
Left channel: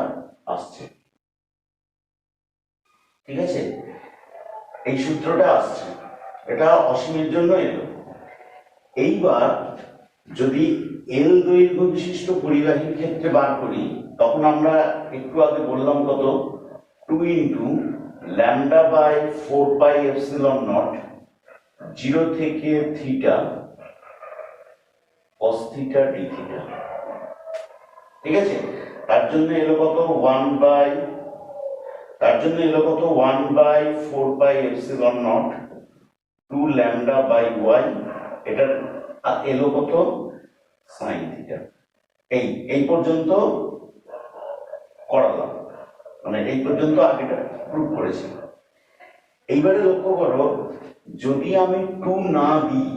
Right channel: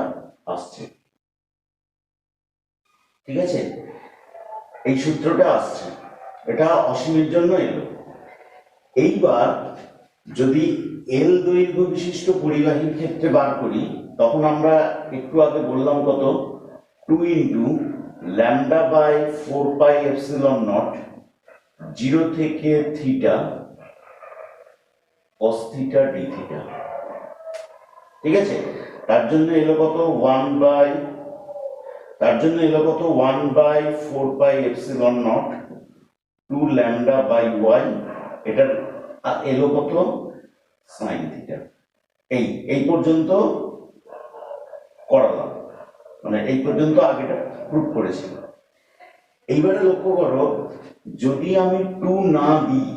আসছে, ঠিক আছে, এই সূত্রটা আসছে, এটা অসীমের জন্য এলো। এইবার যদি এল দৈর্ঘ্য বিশিষ্ট পরিবাহীর ক্ষেত্রে বার করি, তখন আমরা একটু আগে বললাম কত, 2 × λ/4πε0 0 থেকে theta cos theta d theta, ঠিক আছে, তার জন্য এলো কত 1/4πε0 2 λ/y, এটা এলো কত সাইন থিটা। এই পর্যন্ত করালাম, মানে এই পর্যন্ত আগেটা প্রুভ করেছি। এইবারে লক্ষ্য করো, যদি আমি 2 না দিই,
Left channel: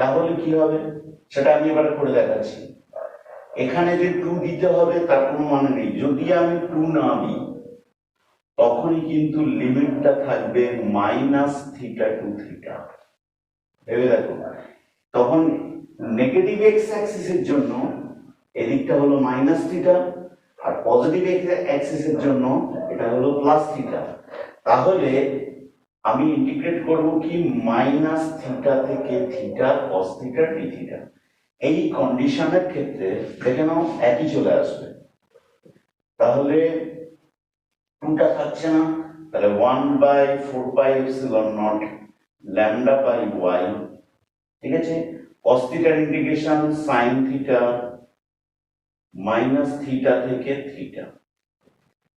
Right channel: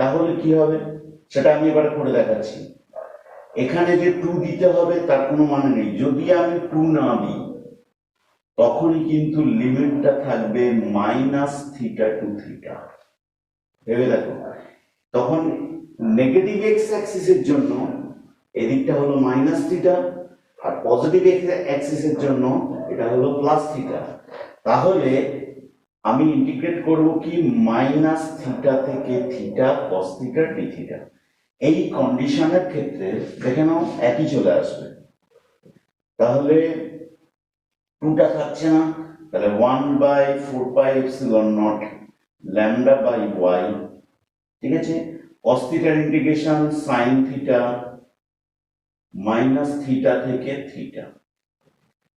তাহলে কি হবে সেটা আমি এবারে করে দেখাচ্ছি। এখানে যে 2 দিতে হবে তার কোনো মানে নেই, যদি আমি 2 না দিই তখনই কিন্তু লিমিটটা থাকবে -θ to θ। ভেবে দেখো, তখন নেগেটিভ এক্স অ্যাক্সিসের জন্য এদিকটা হলো -θ, আর পজিটিভ এক্স অ্যাক্সিসের জন্য এটা হলো +θ। তাহলে আমি ইন্টিগ্রেট করব কি -θ থেকে θ cos θ d θ। এই কন্ডিশনের ক্ষেত্রে দেখে নাও একই চলে আসবে, তাহলে 2টা থাকছে না, তাহলে 1/4πε0 λ/y, ঠিক আছে, cos θ ইন্টিগ্রেশন sin θ -θ থেকে θ,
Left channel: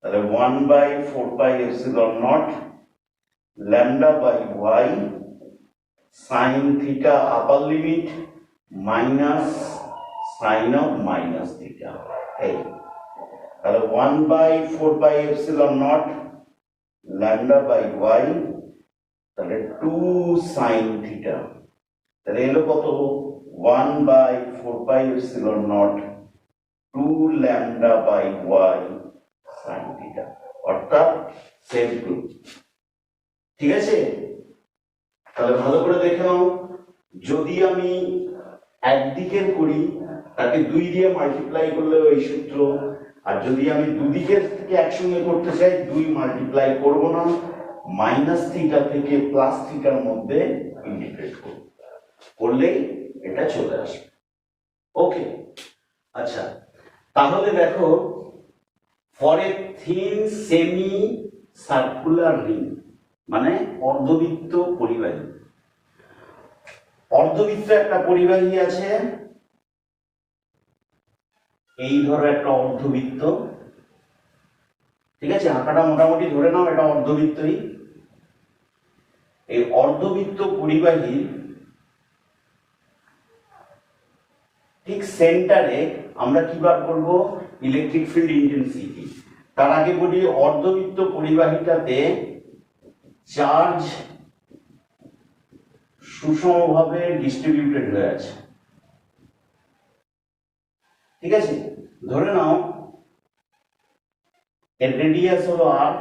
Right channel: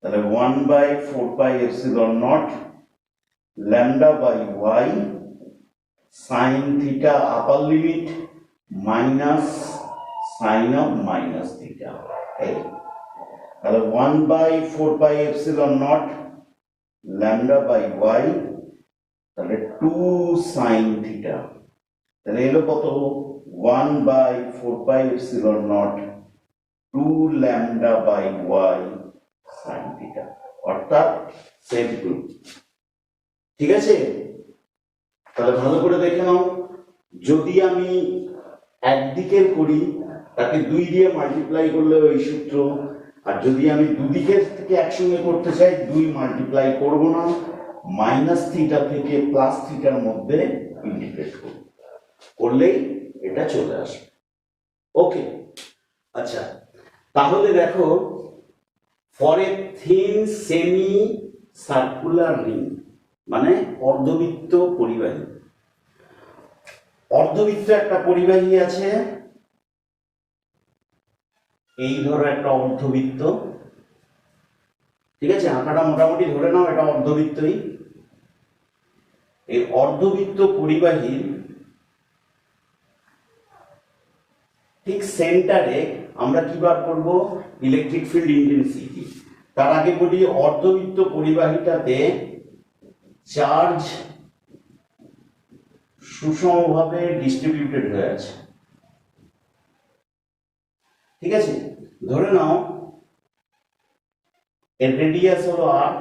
তাহলে 1/4πε0 λ/y sin θ upper limit minus sine of -θ, এই তাহলে 1/4πε0 λ/y, তাহলে 2 sin θ, তাহলে এলো কত 1/4πε0 2 λ/y sin θ, অর্থাৎ সেম প্রুফ, ঠিক আছে। তাহলে ভালো করে দেখে নাও, যদি আমি একদিকের করি তাকে 2 দিয়ে মাল্টিপ্লাই করলে ওই সূত্র, আর যদি আমি দুদিকের থেকে একসঙ্গে করতে চাই 2 মাল্টিপ্লাই করব না, -θ থেকে +θ মধ্যে ইন্টিগ্রেট করলেই এটা চলে আসে। ওকে, আচ্ছা তাহলে দেখো, for a thin semi circular ring, মানে অর্ধবৃত্ত পরিবাহী, অর্ধবৃত্ত একটা পরিবাহী আছে, এই ধরো একটা অর্ধবৃত্ত, ঠিক আছে, আঁকাটা মোটামুটি ধরে নাও এটা অর্ধবৃত্তই। এই অর্ধবৃত্ত পরিবাহী ঠিক সেন্টারে আমরা কি বার করব, ইলেকট্রিক ফিল্ড ইন্টেন্সিটি। তার আগে বলি অর্ধবৃত্ত পরিবাহীটাতে চার্জ সুষমভাবে ডিস্ট্রিবিউটেড হয়ে আছে, ঠিক আছে। ধরে নাও এর রেডিয়াস হলো আর,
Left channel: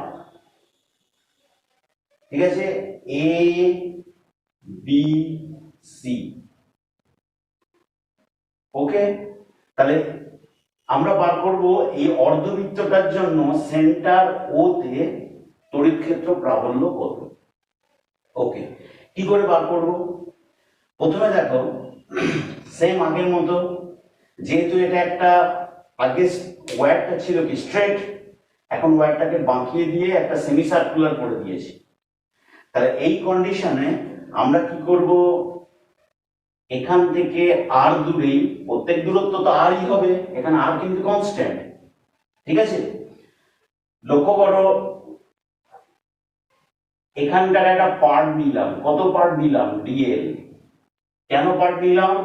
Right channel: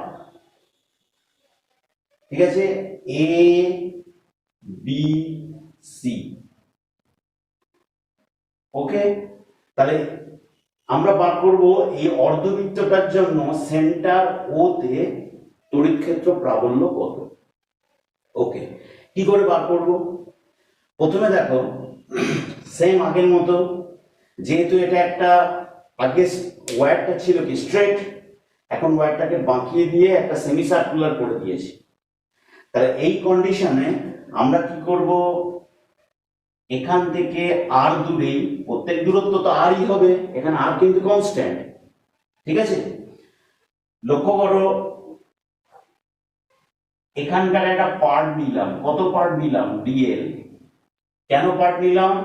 ঠিক আছে, এ বি সি, ওকে। তাহলে আমরা বার করব এই অর্ধবৃত্তটার জন্য সেন্টার ও তে তড়িৎ ক্ষেত্র প্রাবল্য কত। ওকে, কি করে বার করব? প্রথমে দেখো সেম আগের মতো, যেহেতু এটা একটা আগে ওয়্যারটা ছিল কি স্ট্রেট, এখন ওয়্যারটাকে বাঁকিয়ে দিয়ে একটা সেমি সার্কুলার করে দিয়েছি। তাহলে এই কন্ডিশনে আমরা কি করব, এখান থেকে আর দূরেই, প্রত্যেক দূরত্ব তো আরই হবে, এখানে আর কিন্তু কনস্ট্যান্ট, ঠিক আছে। লক্ষ্য করো এখানকার একটা পার্ট নিলাম, কত পার্ট নিলাম, ডিএল। কেন পার্ট নিলাম,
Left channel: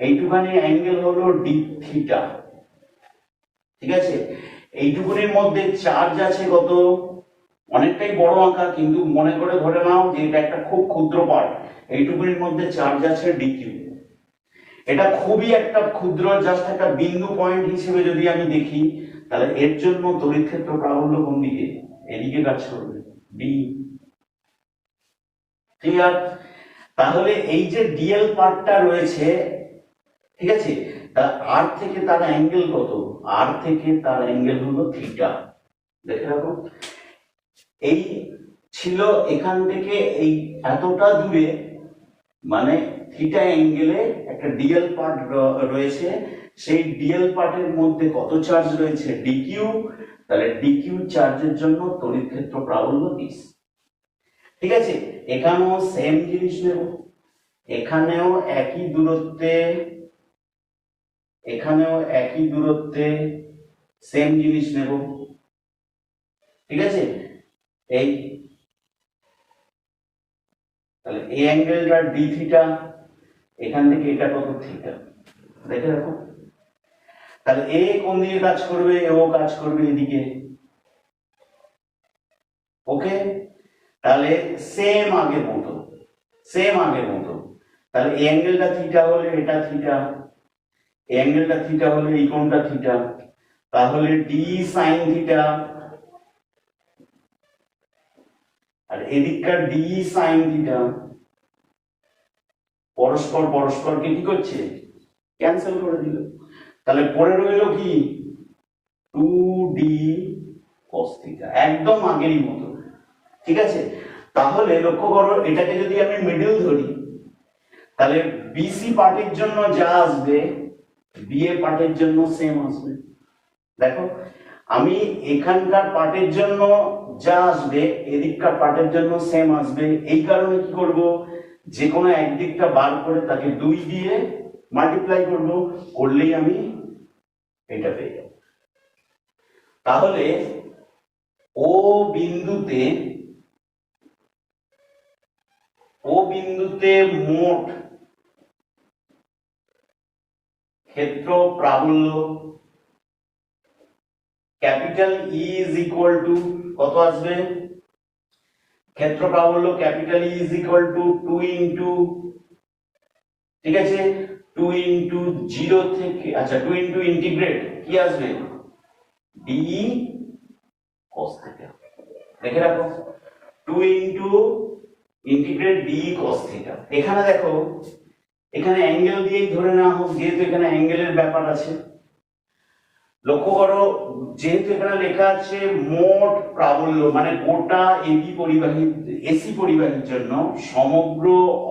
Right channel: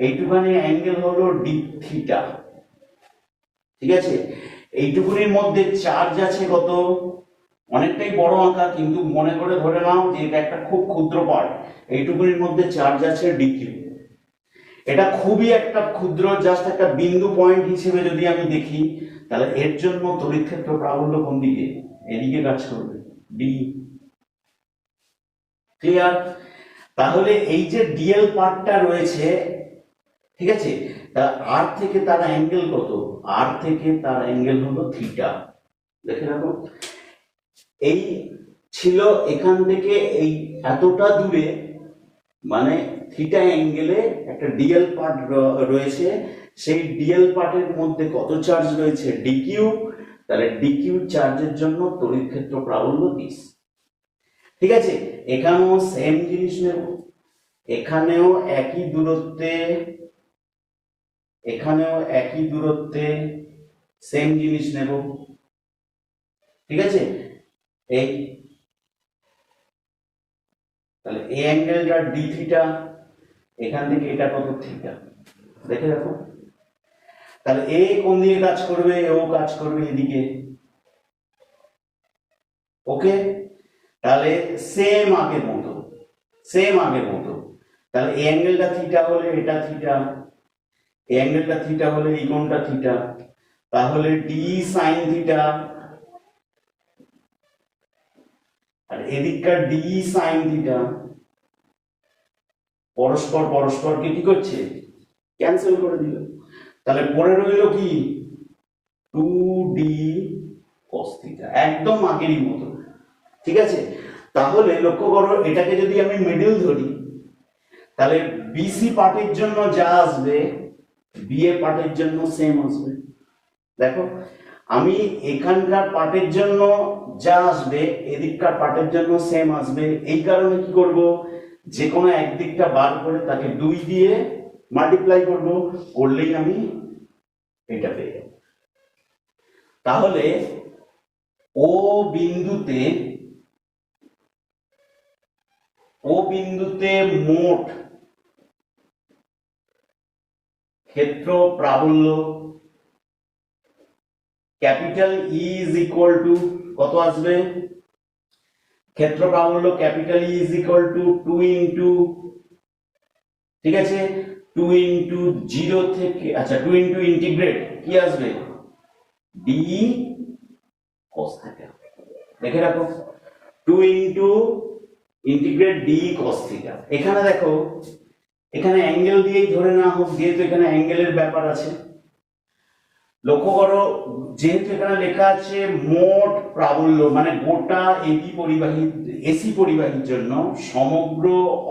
এইটুখানি অ্যাঙ্গেল হলো ডি থিটা, ঠিক আছে। এইটুকুনির মধ্যে চার্জ আছে কত, অনেকটাই বড় আঁকা, কিন্তু মনে করে ধরে নাও যে এটা একটা খুব ক্ষুদ্র পার্ট, এইটুকুনির মধ্যে চার্জ আছে ডিকিউ। এটা খুবই একটা ক্ষুদ্র, জাস্ট একটা বিন্দু পয়েন্ট হিসেবে যদি আমি দেখি, তাহলে এর জন্য তড়িৎ ক্ষেত্র প্রাবল্য কোন দিকে, এদিকে কাজ করবে, ডি। ক্লিয়ার? তাহলে এই যে ডিএল পার্টটা রয়েছে, ঠিক আছে, তা আর থেকে তার অ্যাঙ্গেল কত, আর থেকে তার অ্যাঙ্গেল হলো থিটা। দেখে রাখো, এই ছিল এখান থেকে এই এতটা দূরে, মানে থিটা অ্যাঙ্গেলে একটা ডিএল পার্ট রয়েছে, সেই ডিএল পার্টের মধ্যে কত চার্জ রয়েছে, ডিকিউ। তাহলে ডিকিউ চার্জের জন্য তড়িৎ ক্ষেত্র প্রাবল্য দিস, ঠিক আছে। এখানেও সেম জিনিস নেব, এখানেও একই দূরত্বে, এখানেও একই দূরত্বে সেম জিনিস নেব, ঠিক আছে। এই তাহলে এই অ্যাঙ্গেলটা ডি থিটা, এখান থেকে এটা কত, থিটা। দেখে রাখো, তাহলে এ কোন দিকে কাজ করবে, ও কাজ করবে এদিকে, ওকে। তাহলে সেম আগের মতো, সেম আগের মতো। তাহলে এই অ্যাঙ্গেলটা থিটা হলে এটা থিটা, এই অ্যাঙ্গেলটা থিটা হলে এই কোণটা থিটা, তাহলে ডি সাইন থিটা, আর এদিকটা ডি সাইন থিটা, পরস্পর পরস্পরকে কি করছে, ক্যান্সেল করে দিল। তাহলে পড়ে রইল কি, 2d cos থিটা, একদম আগের মতো, ঠিক আছে। তাহলে লক্ষ্য করো এটাকে যদি আমি মিডল ধরি, তাহলে বিসি পার্টের জন্য যা আসবে বিএ পার্টের জন্য সেম আসবে। দেখো আমি এখানকার পার্টের জন্য যা আসবে এদিককার পার্টের জন্য সেম আসবে, এই কারণে কি করব, যে কোনো একদিকটা বার করে তাকে 2 দিয়ে মাল্টিপ্লাই করব, করলেই আমি এটা পেয়ে যাব। তাহলে ও বিন্দুতে, ও বিন্দুতে মোট ক্ষেত্র প্রাবল্য capital E is equal to কত আসবে, ক্ষেত্র প্রাবল্য capital E is equal to 2 into, ঠিক আছে, 2 ইনটু 0 থেকে, আচ্ছা 2 ইনটু ইন্টিগ্রেট কি আসবে, ডি cos থিটা। দেখে রাখো 2 into integrate D cos theta. এখানে দেখো এখানে অ্যাঙ্গেল দিয়েই ধরে নেওয়া হোক, যেহেতু এখানে অ্যাঙ্গেলের ব্যাপার আছে। লক্ষ্য করো যেহেতু এখানে লেখা আছে মোট প্রাবল্য, মানে গোটা এটি পরিবাহী, এসি পরিবাহীর জন্য, সমগ্র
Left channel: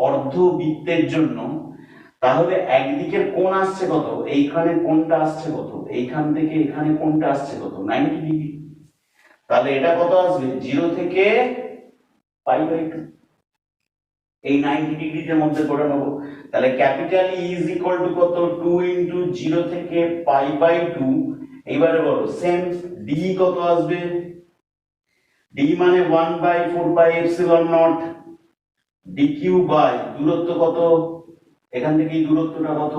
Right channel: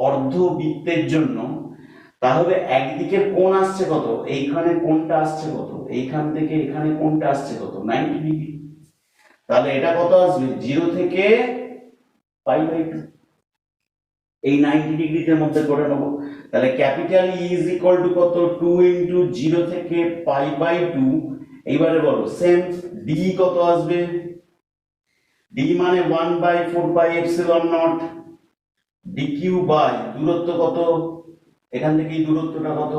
অর্ধবৃত্তের জন্য, তাহলে একদিকের কোণ আসছে কত, এইখানে কোণটা আসছে কত, এইখান থেকে এখানে কোণটা আসছে কত, 90 ডিগ্রি। তাহলে এটা কত আসবে, 0 থেকে পাই বাই 2, এই 90 ডিগ্রির মধ্যে করে নেবো। তাহলে capital E is equal to কত, 2 ইন্টু 0 থেকে পাই বাই 2। এইবারে বলো সেম ডি কত আসবে, ডি মানে 1 by 4 pi epsilon naught d q by দূরত্ব কত, এখান থেকে এই দূরত্বটা কত,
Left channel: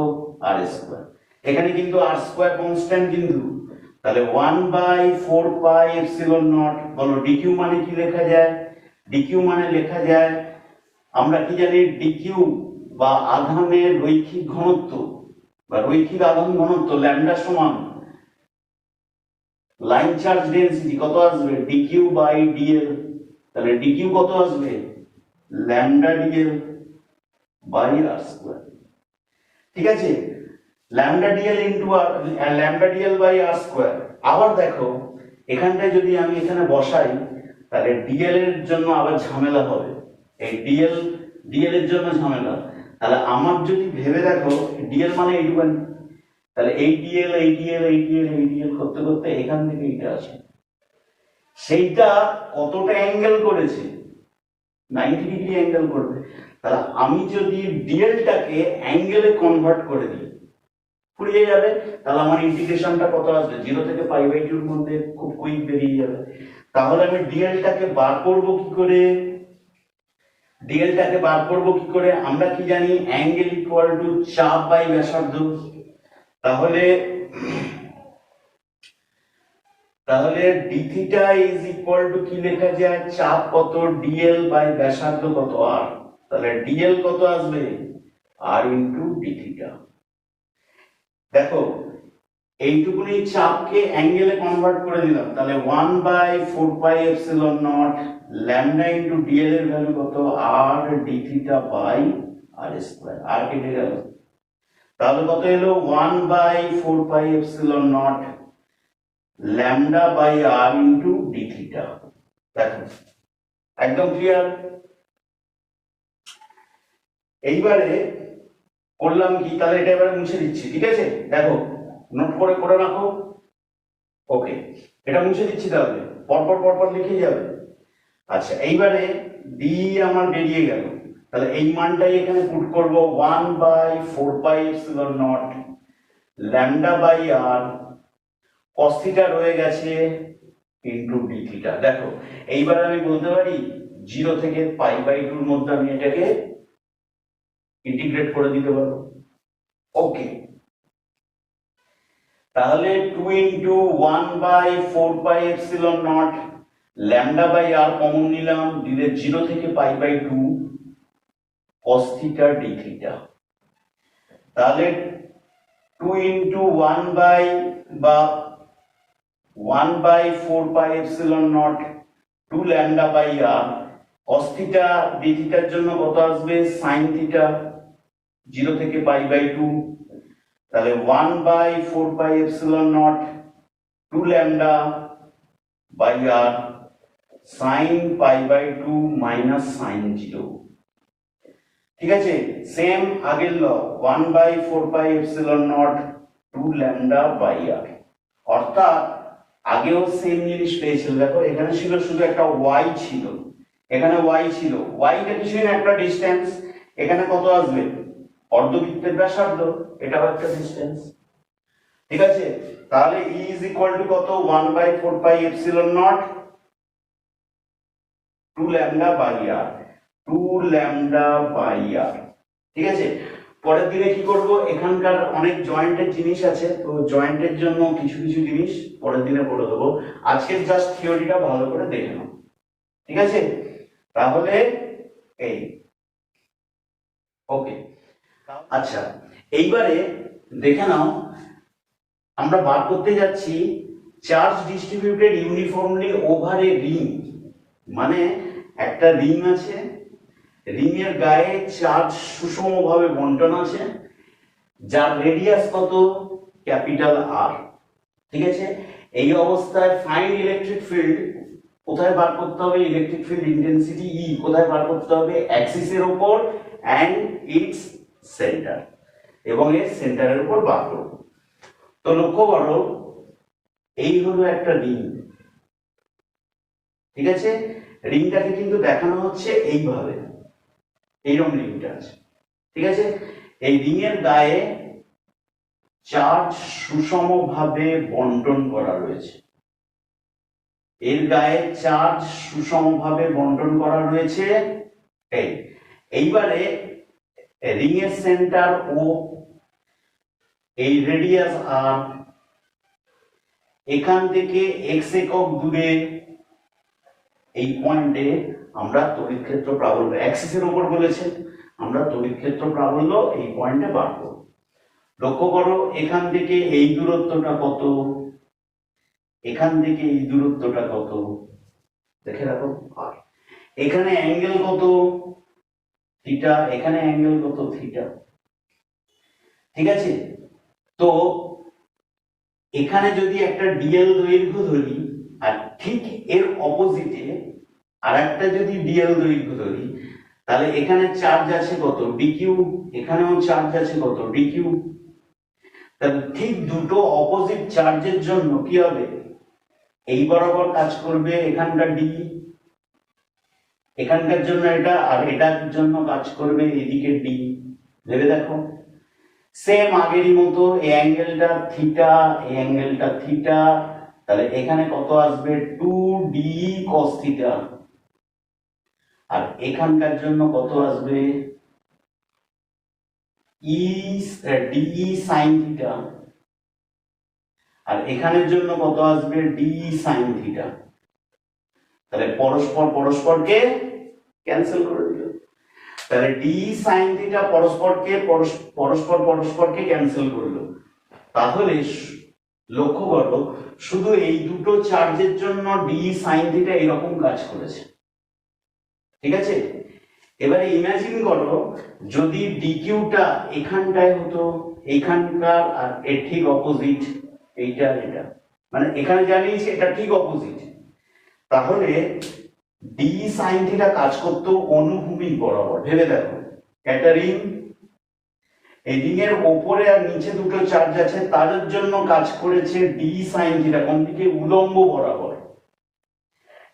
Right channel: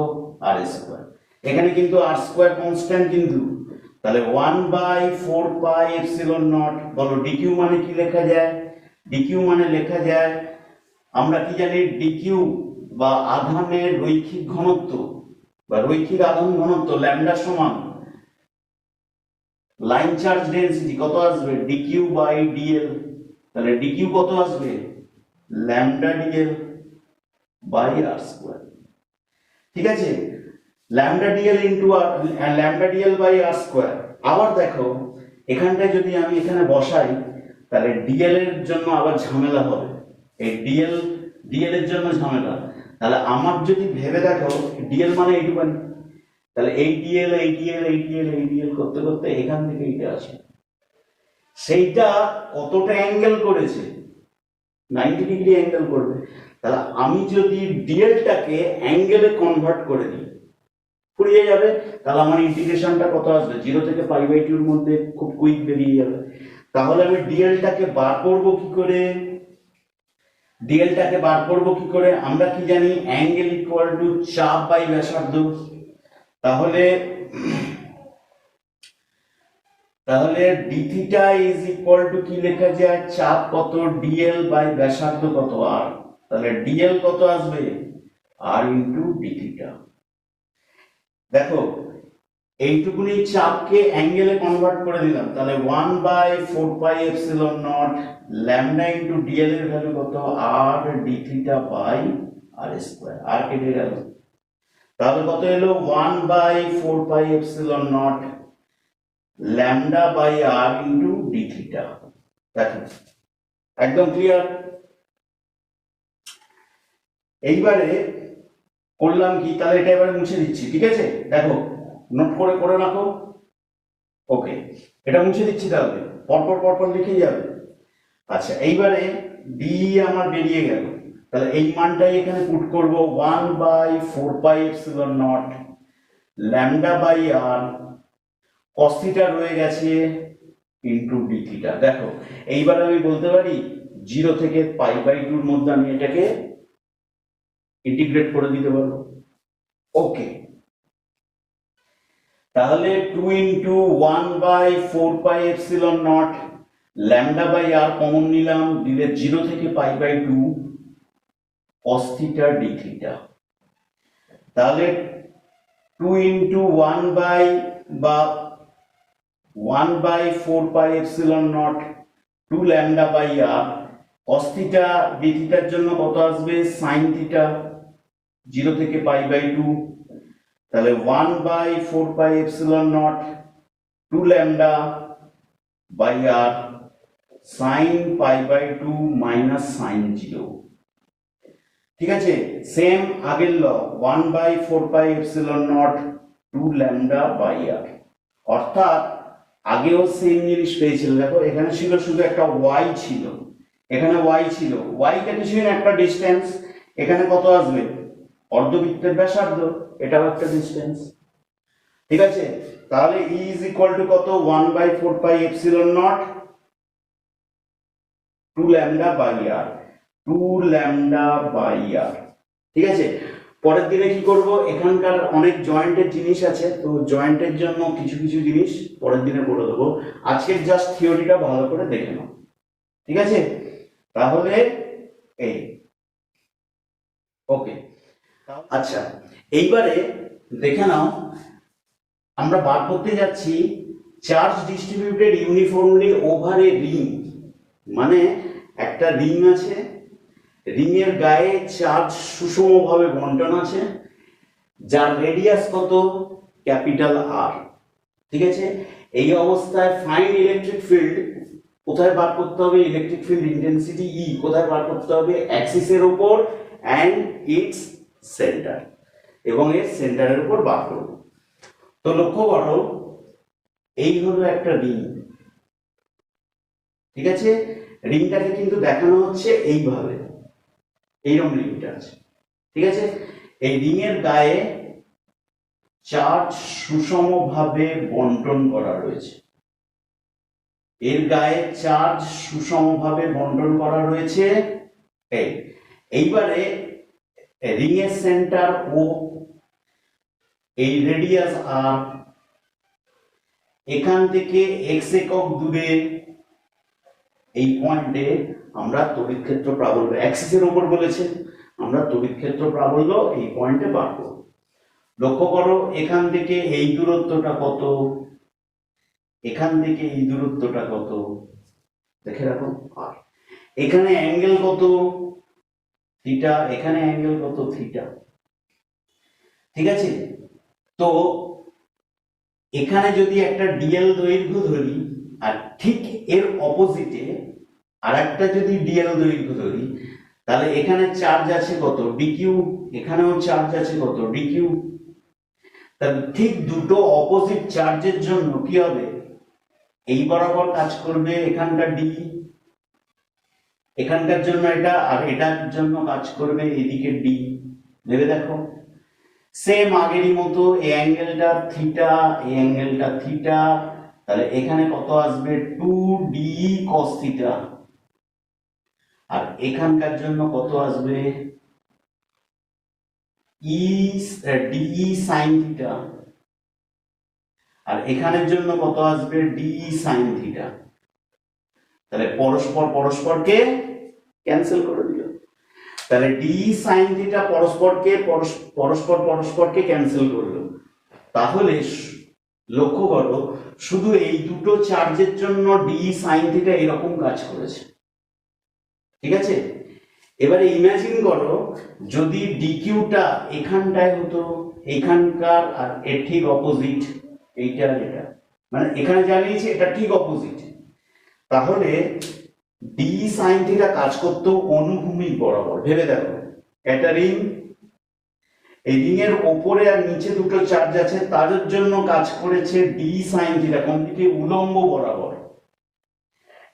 আর স্কোয়ার। এখানে কিন্তু আর স্কোয়ার কনস্ট্যান্ট কিন্তু, তাহলে 1 বাই 4 পাই এপসিলন নট। বলো ডিকিউ মানে কি লেখা যায়, ডিকিউ মানে লেখা যায়, আমরা কি জানি ডিকিউ বা আধানের রৈখিক ঘনত্ব বা রৈখিক আধান ঘনত্ব ল্যামডা সমান লাইন চার্জ ডেনসিটি কত আসবে, ডিকিউ বাই ডিএল। তাহলে ডিকিউ কত আসবে, lambda dl by R square. ঠিক আছে, lambda dl into r lambda dl by R square. আবার দেখো এখানটায় যদি আমি এখানে বসাই তাহলে ডিএল এর জন্য আবার ঝামেলা হবে, এই ডিএল এর জন্য ঝামেলা। তাহলে আমার যদি ভেবে দেখো ডিএল মানে এইটুখানি, তাহলে এই ডিএল এই ডিএল এই ডিএল এই ডিএল করতে করতে এখান থেকে এটা আসে, সেইটা কতটা অ্যাঙ্গেল করেছে, 90 ডিগ্রি অ্যাঙ্গেল করবে। তাহলে আমি যদি ডিএলটাকে অ্যাঙ্গেলে কনভার্ট করে দিই ফুরিয়ে যাবে, তাহলে আমার ইন্টিগ্রেশনটা কত আসবে, 0 থেকে পাই বাই 2 এর মধ্যে খুব কুইক বেরিয়ে যাবে। তাহলে আমি ডিএলটাকে বার করব কি করে, ডিএলটাকে বার করব কি করে, আমরা কি জানি অ্যাঙ্গেল ইকুয়াল টু চাপ বাই ব্যাসার্ধ। তাহলে তাহলে D theta is equal two কি লেখা যায়, চাপ কত ডিএল বাই ব্যাসার্ধ কত আর। তাহলে ডিএল কত আসবে, আর ইন্টু ডি থিটা। দেখো এইটুকুনি চাপকে অ্যাঙ্গেলে কনভার্ট করে দিলাম, তাহলে 1 by 4 pi epsilon naught lambda into dl এর ভ্যালু কত, R d theta by R square, R কেটে গেল। তাহলে কত এলো, 1 by 4 pi epsilon naught lambda by R into d theta. দেখো একদম ক্লিয়ার। এইবারে করলাম কি, তাহলে এটা এবার মুছে দিচ্ছি, ঠিক আছে, দেখো নোট করে করে রাখো। ওকে, এটা মুছে দিচ্ছি, তাহলে পরপর পরপর লিখে যাবে। আচ্ছা এইবারে ডি আমার বেরিয়ে গেল, তাহলে এই মানটাই এখানে পুট করব, 1 by 4 pi epsilon naught lambda by r cos theta রয়ে গেছে ইনটু ডি থিটা। দেখো এইবার আমি বলতে পারি 0 থেকে পাই বাই 2 এর মধ্যে আমি এটাকে ইন্টিগ্রেট করে দিতে পারবো। ওকে, তাহলে 2 into 1 by 4 pi epsilon naught lambda by r common নিলাম, দিলে 0 থেকে pi by 2 cos theta d theta. তাহলে 2 ইনটু 1 বাই বা 1 by 4 pi epsilon naught 2 lambda by r cos theta d থিটার জন্য কত আসবে, sin থিটা 0 থেকে পাই বাই 2। তাহলে 1 by 4 pi epsilon naught 2 lambda by r sin pi by 2 minus sin 0। ঠিক আছে, সেম আগের law, 1 by 4 pi epsilon naught 2 lambda by r. অর্থাৎ আগেও সেম জিনিস পেয়েছিল, দেখো এখানে ছিল শুধু একটা y ছিল, এখানে y ছিল, y-টা কিছুই না একটা ডিসটেন্স, এখানে কত আসবে, অর্ধবৃত্তের ব্যাসার্ধ, এটাও একটা ডিসটেন্স। ঠিক আছে, তাহলে E ইজ ইকুয়াল টু কত, 1 by 4 pi epsilon naught 2 lambda by r, 2 lambda by r. ঠিক আছে, পরের দিনে কি করব, এখানকার অনেক জয়েন্টের জিনিস আছে, তো জয়েন্টের জন্য কিছু কিছু জিনিস পরের দিনে বলে দেবো, আজকে জাস্ট থিওরিটা ভালো করে দেখে নাও। ঠিক আছে, তাহলে এই ওকে। আচ্ছা এইবারে দেখে নাও, আমরা বার করতে যাচ্ছি charge distributed uniformly over a ring. মানে একটা রিং আছে, রিং এর গায়ে চার্জ সুষমভাবে বন্টন আছে, যার রেডিয়াস কত, ক্যাপিটাল আর। ঠিক আছে, এই অবস্থায় ফাইন ইলেকট্রিক ফিল্ড কোথায় বার করতে হবে, ইলেকট্রিক ফিল্ড ইন্টেন্সিটি ই কোথায় বার করতে হবে, অ্যাক্সিসের উপর অ্যান্ড ইটস সেন্টার, এবং এর সেন্টারের উপর বার করব। তো লক্ষ্য করো এই হলো একটা রিং। ঠিক আছে, রিংটাকে কিন্তু দেখানো হচ্ছে এইভাবে, এইরকম লিমিট আছে, ঠিক আছে। এই রিং এর গায়ে চার্জ সুষমভাবে বন্টন করা রয়েছে, এর গায়ে চার্জ সুষমভাবে বন্টন করা রয়েছে। এইবারে রিং এর সেন্টার ও, এই রেডিয়াস আর, এখান থেকে x একক দূরে এই পয়েন্টে আমরা তড়িৎ ক্ষেত্র প্রাবল্য, অ্যাক্সিসের উপর বলেছে, আমরা তড়িৎ ক্ষেত্র প্রাবল্য এই পয়েন্টে বার করব। লক্ষ্য করো এখান থেকে এই দূরত্বটা কত, এখান থেকে এই দূরত্বটা কত, দেখে রাখো। আর এখানে অ্যাঙ্গেল কত, থিটা, এখানে অ্যাঙ্গেল কত, থিটা, ঠিক আছে। তো এখানে যদি একটা ডিএল দৈর্ঘ্য ধরি, আর ঠিক এর অপোজিটে আর একটা যদি ডিএল দৈর্ঘ্য ধরি, তাহলে এখানে চার্জ আছে কত, ডিকিউ, এখানেও চার্জ আছে কত, ডিকিউ। তাহলে ঠিক দুটো অপোজিট চার্জের জন্য কি হবে, এই বরাবর কাজ করবে এখানকার ডি, এখানকার জন্য এটা, আর এটার জন্য কাজ করবে এদিকে ডি। ভেবে দেখো, সেম আগেরই মতো এই অ্যাঙ্গেলটা থিটা, এই অ্যাঙ্গেলটা থিটা, তাহলে এখানে কত আসবে, 2d cos থিটা, আর এখানকার জন্য কত আসবে, ডি সাইন থিটা, আর এখানের জন্য কত আসবে, ডি সাইন থিটা। তাহলে পরস্পর পরস্পরকে ক্যান্সেল করে দিল, তাহলে ডি সাইন থিটা পরস্পর পরস্পরকে ক্যান্সেল করলো। তাহলে লক্ষ্য করো শুধু এই দুটো চার্জের জন্য ডি সাইন থিটা এরকম কাজ করেছে, ঠিক আছে। এবারে ইমাজিন করো যদি ডিকিউটা এখানটায় হতো, এখানকার আর এর ঠিক অপোজিট, এইটা এটা, মানে এখানে জানিয়েছে এটা ঠিক অপোজিট, তাহলে ডি সাইন থিটা কাজ করতো অনুভূমিক বরাবর। ভেবে দেখো, একটা রিং, এই রিং এর ওপরে আর নিচে দুটো চার্জ আছে, তাদের জন্য কাজ করেছে ডি সাইন থিটা, কোন দিকে, উলম্ব বরাবর।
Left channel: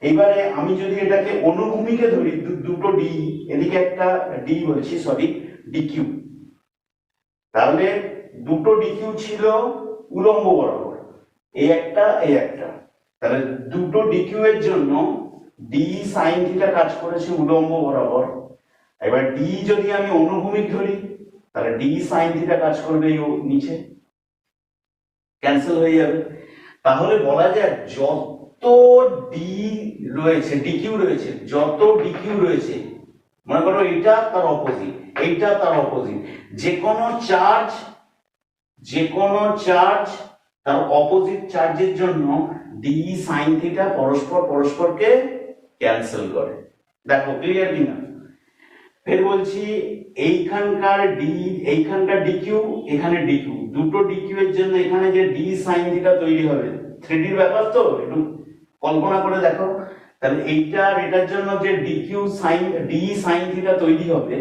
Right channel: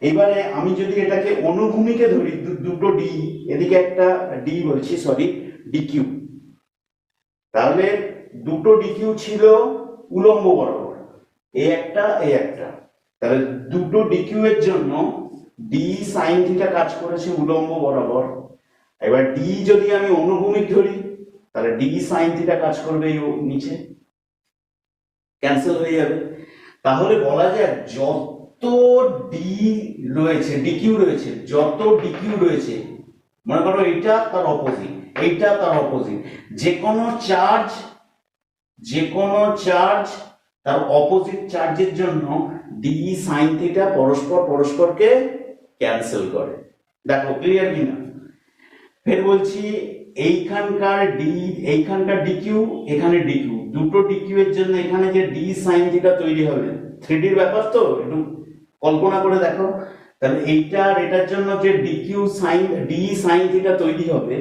এবারে আমি যদি এটাকে অনুভূমিকে ধরি, দুটো ডি, এদিকে একটা ডি বলছি, সরি, ডিকিউ, তাহলে দুটো ডিকিউ ছিল উলম্ব বরাবর, এই একটা এই একটা, তাহলে দুটো ডিকিউ এর জন্য ডি সাইন থিটা কাজ করেছে উলম্ব বরাবর। এবার ডি যদি আমি অনুভূমিক ধরি, তাহলে ডি সাইন থিটা কাজ করবে নিচে, ক্যান্সেল হয়ে যাবে। তাহলে বলা যায় যত ডি রয়েছে, ডিকিউ রয়েছে, যত ডিকিউ রয়েছে, মনে করো এইটা তার অপোজিট, এইটা তার অপোজিট, যে কোনো চার্জ তার অপোজিট চার্জের জন্য ডি সাইন থিটা পরস্পর পরস্পরকে ক্যান্সেল করে। দেখো ক্লিয়ার কিনা। ফের বলছি, এইখানকার ডিকিউ, এখানে ডিকিউ, দুটো ডিকিউ এর জন্য এখানে যে ডি সাইন থিটা তৈরি হবে, 3D ব্যাপার তো, একটু কল্পনা করে দেখো। তাহলে এইটা আর এটার জন্য যে dq sine, d sine theta তৈরি হবে,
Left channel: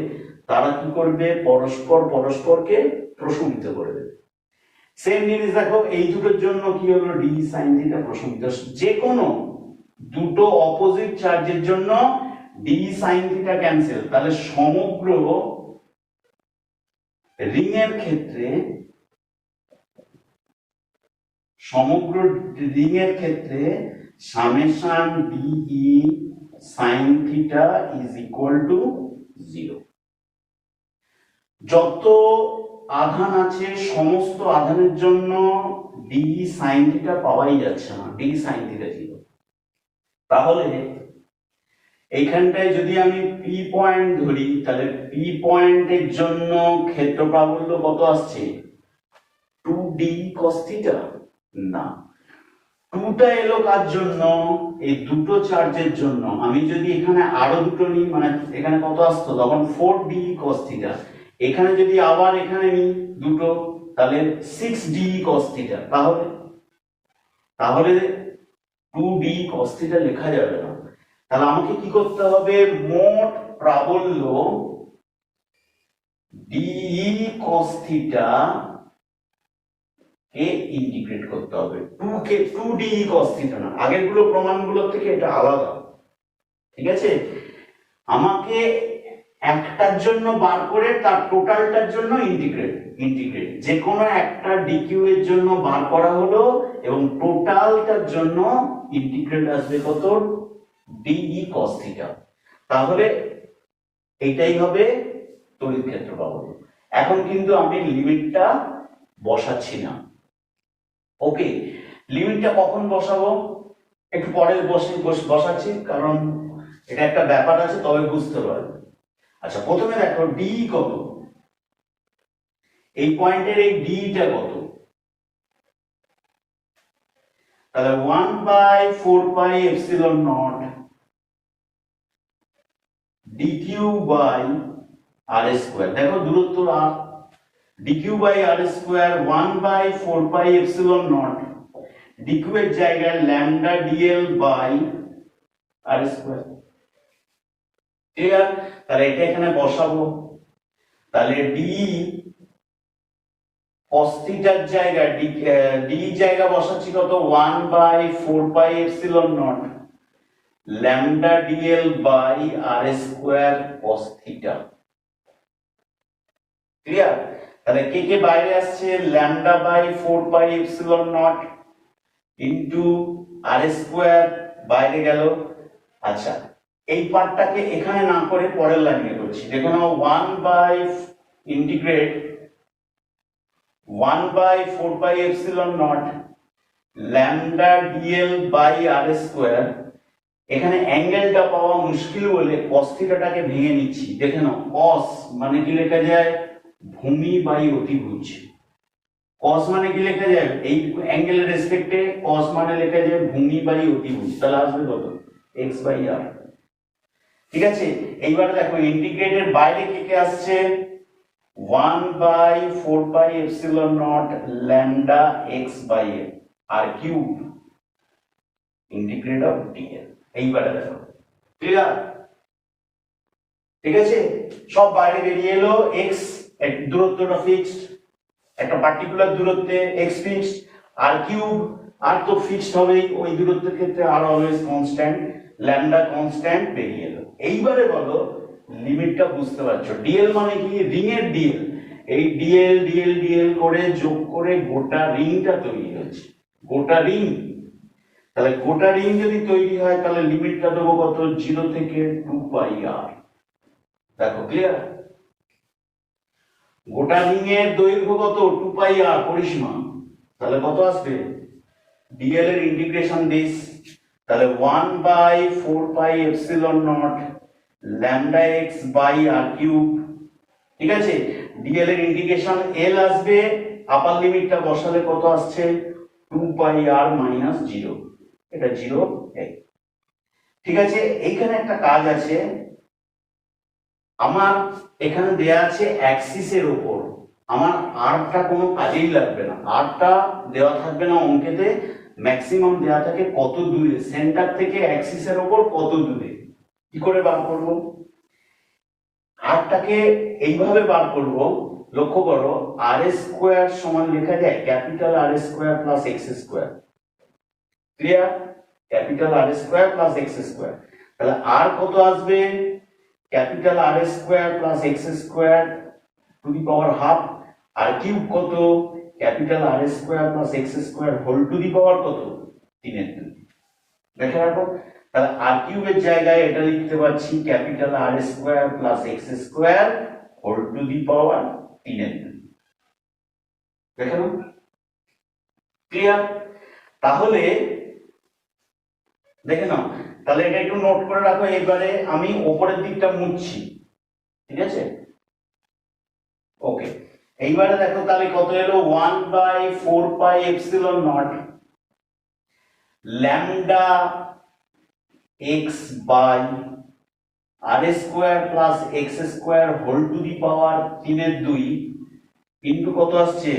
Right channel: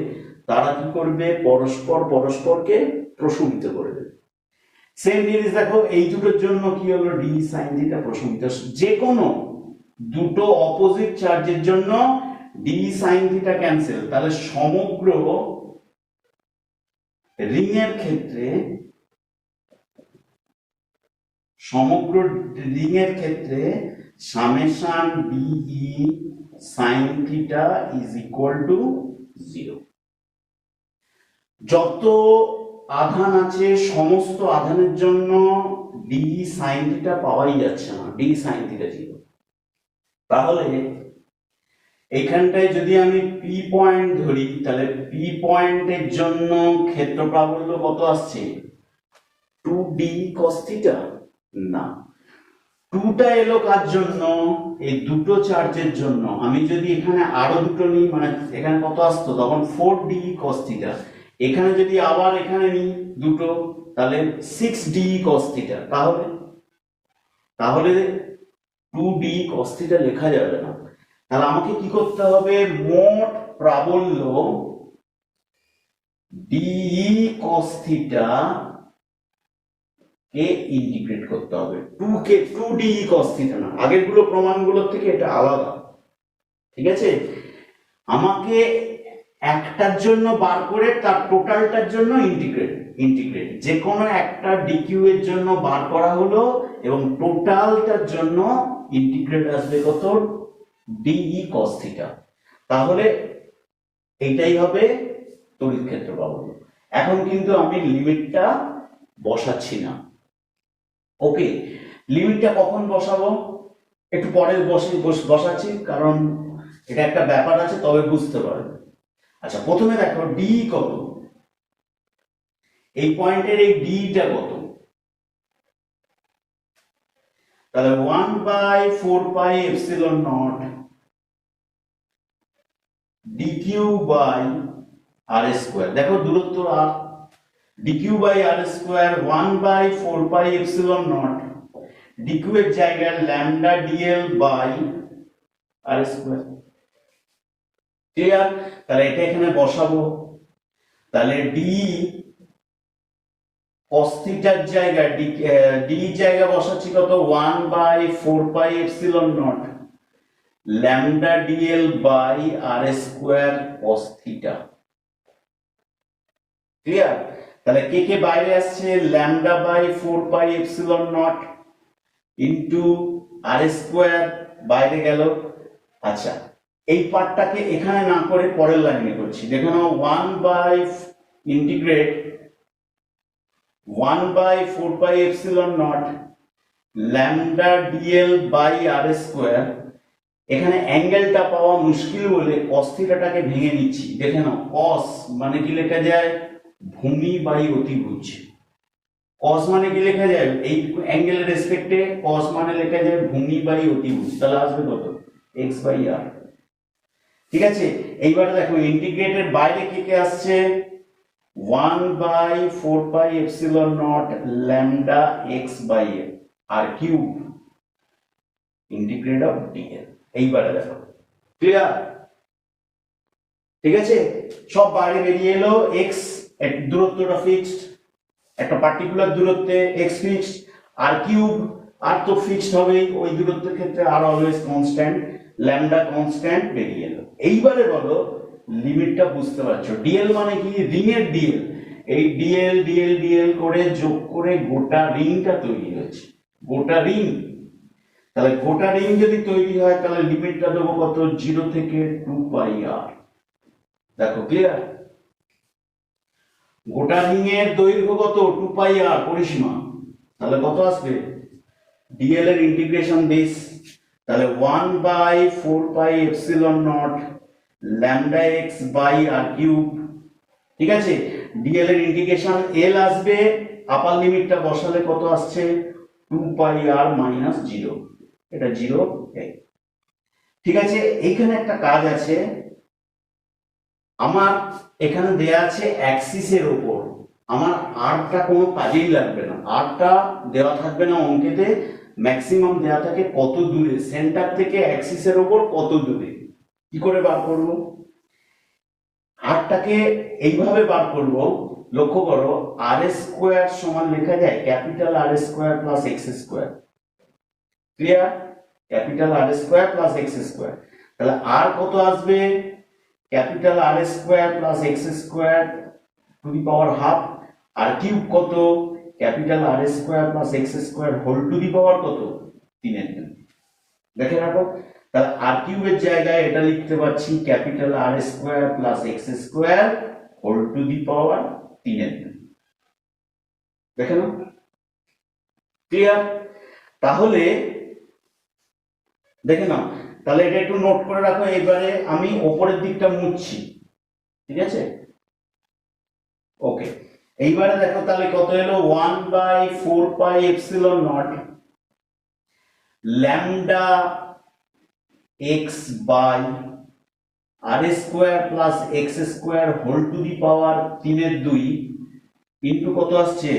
তারা কি করবে, পরস্পর পরস্পরকে প্রশমিত করবে। সেম জিনিস দেখো, এই দুটোর জন্য কি হলো, ডি সাইন থিটা প্রশমিত। যে কোনো দুটো অপোজিট চার্জের জন্য ডি সাইন থিটা ক্যান্সেল। তাহলে সমগ্র রিং এর ক্ষেত্রে summation dE sine theta is equal to 0। যত আধান আছে সমস্ত আধানের জন্য ডি সাইন থিটা পাওয়াই যাচ্ছে না, ডি সাইন থিটা 0। তাহলে এইখানটায় যদি আমি পি পয়েন্ট ধরি, তাহলে পি পয়েন্টের জন্য ক্ষেত্র প্রাবল্য কত আসছে, 2d cos থিটা, না, 2টা এলো কার জন্য, এই দুটো চার্জের জন্য। আমি যদি এখানে আরো দুটো নিই, মানে এখানে কত আসতো তখন 4d cos থিটা, এখানে যদি আবার এখানে নিই দুটো, তাহলে 6d cos থিটা। তাহলে 2d cos থিটা লেখা যাবে না। তাহলে আমাকে কি করতে হবে, মোট প্রাবল্য ডি cos থিটা কে ইন্টিগ্রেট করতে হবে, 2d cos থিটা না, আগেরগুলো প্রমাণগুলোর থেকে এটা আলাদা, ঠিক আছে। আমাকে একটার জন্য বার করে তার টোটালটার জন্য ইন্টিগ্রেট যে কোনো একটা ডিকিউ এর জন্য বার করা হলো এবং টোটালটার জন্য ইন্টিগ্রেট আসবে কত, ডিই কস থিটা। তাহলে এটাই হবে তড়িৎ ক্ষেত্র পাবো। এখন কিন্তু আমি লিমিটটা বসাচ্ছি না। ওকে, লিমিটটা কখন বসাবো একটু পরে বসাচ্ছি, কারণ এটা একটা ব্যাপার আছে, তবে বুঝতে পারবে। আচ্ছা, প্রথমে দেখো ডি কত, এই পয়েন্টের এই ডিটা কত, তাহলে 1/4πε0 dq বাই আর স্কোয়ার। দেখো দূরত্ব r, dq by R square 1/4πε0 dq এর জায়গায় lambda dl by R square. Clear? তাহলে এটা এখানে বসাবো, তাহলে ডি cos থিটার জায়গায় ডি জায়গা বসাচ্ছি কত, 1/4πε0 lambda dl by R square cos theta. Clear? তাহলে কে কে বাইরে আসছে, lambda by 4πε0 into r square বাইরে গেল। আচ্ছা, এই পার্টটাকে এখানে না করে পরের লাইনে করছি। দেখো না, 1/4πε0 lambda dl by R square. এখানে অ্যাঙ্গেলটা পাওয়া মুশকিল বলে cos থিটাটাকে ভেঙে নিচ্ছি। দেখে নাও, cos মানে কি লেখা যায়, ভূমি বাই অতিভুজ। cos মানে কি লেখা যায়, এই অ্যাঙ্গেলের রেসপেক্টে cos মানে লেখা যায় ভূমি বাই অতিভুজ। তাহলে আসবে কত, x বাই r। ঠিক আছে, এইবারে দেখো ইন্টিগ্রেটের বাইরে কে কে আসছে, 1/4πε0 lambda x by r cube integrate of dl। এইবারে দেখো, ক্লিয়ার? ঠিক আছে, সব বাইরে বেরিয়ে এলো। x দূরত্বটা ফিক্সড, একটা পার্টিকুলার দূরত্বে x ফিক্সড, আর কিউব আর তো ফিক্সড হবেই, ওই দূরত্বের ক্ষেত্রে are always constant, lambda constant বেরিয়ে এলো। এইবারে বলো লিমিটটা বুঝতে পারছো, ডিএল মানে কি, রিং এর ডিএল। এই ডিএল ডিএল ডিএল করে যোগ করে গোটা রিংটা তৈরি হয়েছে, গোটা রিং। তাহলে গোটা রিং যদি তৈরি হয় তাহলে লিমিটটা দেবো কত, 0 থেকে 2πr। দেখো ক্লিয়ার? গোটা রিং এর দৈর্ঘ্য কত, 2πr পরিসীমা। তাহলে কত আসবে, ডিএল এর ইন্টিগ্রেশন দিস, তাহলে 1/4πε0 lambda x by r cube. ঠিক আছে, ডিএল এর ইন্টিগ্রেশন এল আসবে, আপার লিমিটটা বসালে কত আসছে, 2πr মাইনাস 0, এটা 0। ঠিক আছে, এইখানে একটা কাজ আছে, আমার এখানে দেয়া আছে অ্যাক্সিসের উপর, আমার আরটা কোনো কাজেই লাগবে না, আরটা দেওয়া থাকবে না অঙ্কেতে। ম্যাক্সিমাম দেওয়া থাকে কত দূরে, সেন্টার থেকে অ্যাক্সিসের উপর কত দূরে। কি করে বার করব, আরটাকে এইভাবে বার করব। লক্ষ্য করো, আর স্কোয়ার সমান লেখা যায় capital R square plus x square. Clear? Capital R square plus x square. তাহলে আর কত আসবে, capital R square plus x square to the power half, r cube কত, capital R square plus x square whole to the power কত, 3/3। দেখে রাখো, তাহলে আর কিউবের জায়গায় এটা লিখতে পারছি capital R square plus x square whole to the power 3/3। দেখে নাও, ক্লিয়ার? তাহলে দেখে নাও, তাহলে এটা একটু নোট করে রাখো। এবারে আমি ওপরের দিকটা মুছছি, ঠিক আছে? ওকে, এইবারে দেখো তাহলে কত এলো, 1/4πε0 lambda x by R square plus x square whole to the power 3/2 into কত আসছে,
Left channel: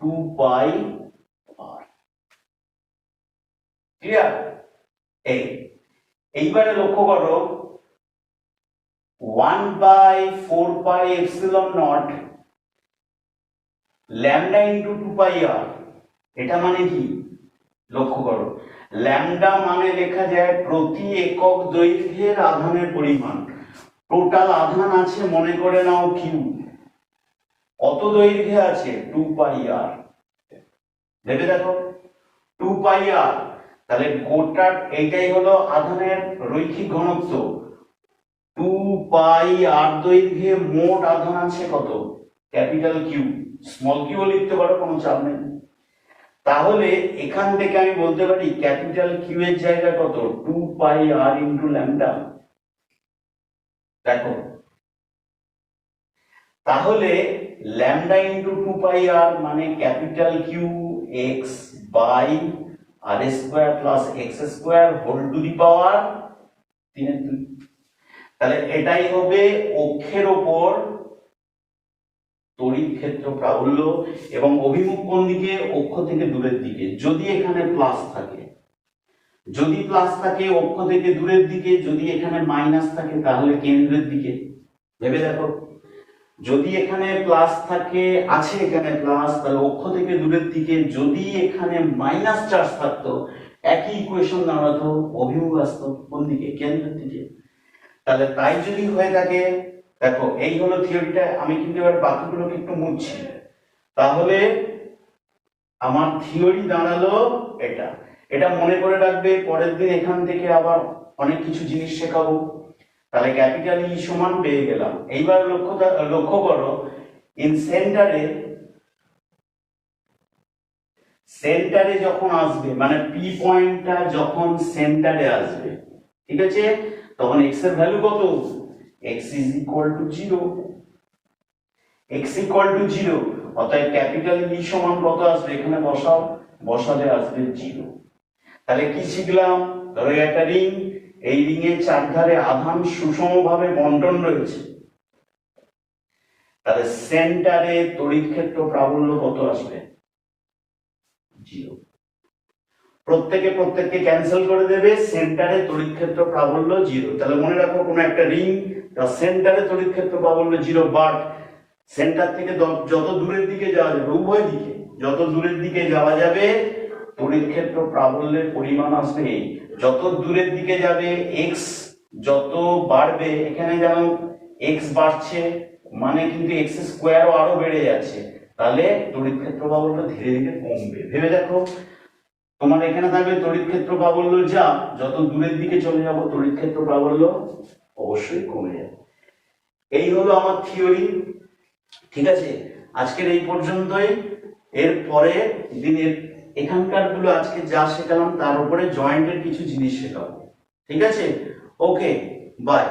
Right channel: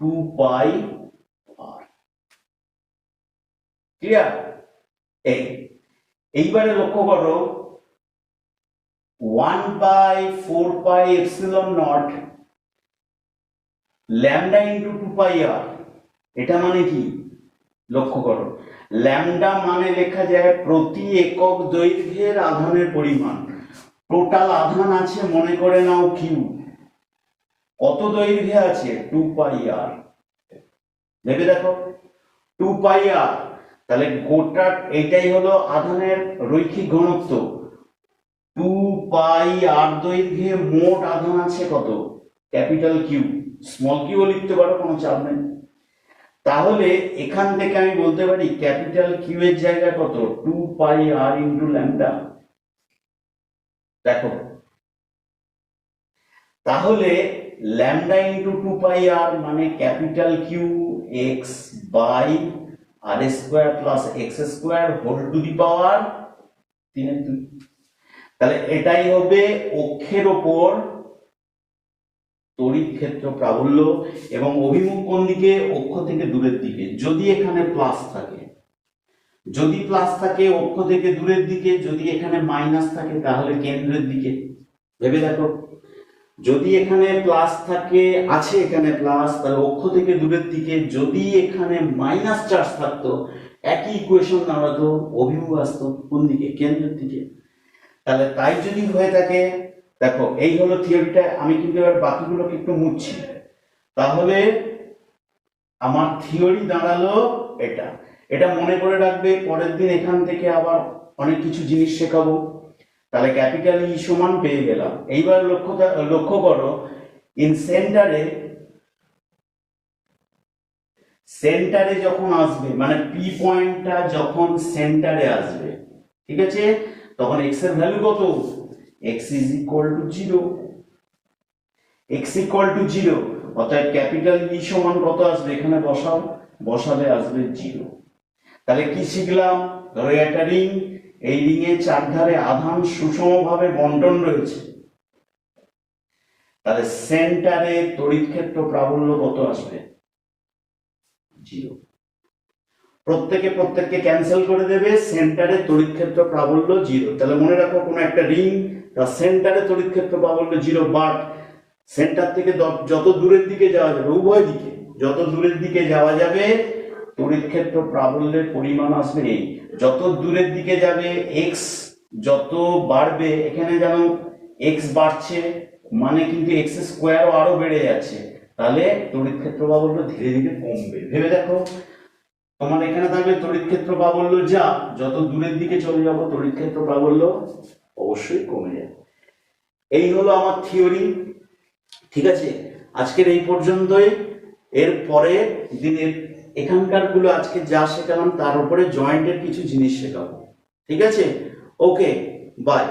2πr। ক্লিয়ার? এইবারে লক্ষ্য করো, 1/4πε0 ল্যামডা ইন্টু 2πr, এটা মানে কি, লক্ষ্য করো, ল্যামডা মানে লেখা যায় প্রতি একক দৈর্ঘ্যের আধানের পরিমাণ। টোটাল আধান আছে মনে করে নাও কিউ, কত দৈর্ঘ্যে আছে 2πr, ভেবে দেখো 2πr, তাহলে গোটা এইটাই হলো আধানের রৈখিক ঘনত্ব। 2πr দৈর্ঘ্যে মোট আধান আছে কত, ক্যাপিটাল কিউ, স্মল কিউ লিখতে পারো, কোনো চাপ নেই। তাহলে এখান থেকে আমি বলতে পারি ক্যাপিটাল কিউ এর জায়গায় কত, 2πr ইন্টু ল্যামডা। দেখো তাহলে ল্যামডা ইন্টু 2πr মানে capital Q x by R square plus x square whole to the power 3/2। তাহলে এটাই হবে অক্ষের ওপর তড়িৎ ক্ষেত্র প্রাবল্য, এবং অভিমুখ কোন দিকে, অক্ষ থেকে দূরের দিকে। যদি এখানে প্লাস থাকে, যদি প্লাস থাকে অক্ষ থেকে দূরের দিকে, যদি এখানে মাইনাস থাকে তাহলে কেন্দ্রের দিকে। ভেবে দেখো, যদি এখানে প্লাস থাকে, আছে এখানে প্লাস, তাহলে অক্ষ থেকে দূরের দিকে, যদি এখানে মাইনাস চার্জ থাকতো একই ইকুয়েশন দাঁড়াতো, অভিমুখ আসতো কোন দিকে, কেন্দ্রের দিকে। তাহলে তাই যদি হয়ে থাকে, দেখো এই হলো থিওরিটা, আমি কিন্তু এবার বাকিগুলোকে একটু মুছছি। তাহলে আমার থিওরি দাঁড়ালো এটা, এটা মনে করে রাখবে, পরের দিন এখান থেকে আবার অনেক কিছু জিনিস শেখাবো। তাহলে ক্যাপিটাল ই সমান পেয়ে গেলাম। এইবার লক্ষ্য করো, ইন সেন্টারে যখন আসবে, মানে পি পয়েন্টটা যখন সেন্টারে আসবে, ঠিক আছে, তখন এক্স এর ভ্যালু কত, x is equal to 0, x equal to 0, অতএব ক্যাপিটাল ই সমান কত আসবে, এখানে বসাও, বসালে আসবে 0। তাহলে কি শিখলাম, ধরো একটা রিং, এই রিং এর চারধারে আধান সুষমভাবে বন্টন রয়েছে, তাহলে সেন্টারে তড়িৎ ক্ষেত্র প্রাবল্য কত আসবে, 0। প্রত্যেককে ক্যান্সেল করে দেবে, সেন্টারে তড়িৎ ক্ষেত্র প্রাবল্য 0। তাহলে মনে রাখো, কোন একটা রিং তার সেন্টারে তড়িৎ ক্ষেত্র প্রাবল্য 0, বাট সেন্টার থেকে যত দূরের দিকে যাওয়া যাবে, উভয় দিকে যত দূরের দিকে যাওয়া যাবে তড়িৎ ক্ষেত্র প্রাবল্যের পরিমাণ আসবে নেই। যত দূরের দিকে যাবে এক্স যত বাড়বে, এখানে যেন এক্স বাড়ছে মানে কিন্তু এক্স স্কোয়ারও আরো বেড়ে যাচ্ছে, তাহলে তড়িৎ ক্ষেত্র প্রাবল্য ধীরে ধীরে কমবে। ভেবে দেখো, তোমার এখানে থাকবে তড়িৎ ক্ষেত্র প্রাবল্য যা, যত দূরের দিকে চলে যাবো তড়িৎ ক্ষেত্র প্রাবল্য অবশ্যই কমে যাবে। এই হলো আমার থিওরি, ঠিক আছে। আজকের এই পর্যন্তই, এর পরে দিনের এখানকার গুলো আজকে যা শেখালাম তার উপরে জয়েন্টের কিছু জিনিস শেখাবো, ঠিক আছে। ওকে, বাই।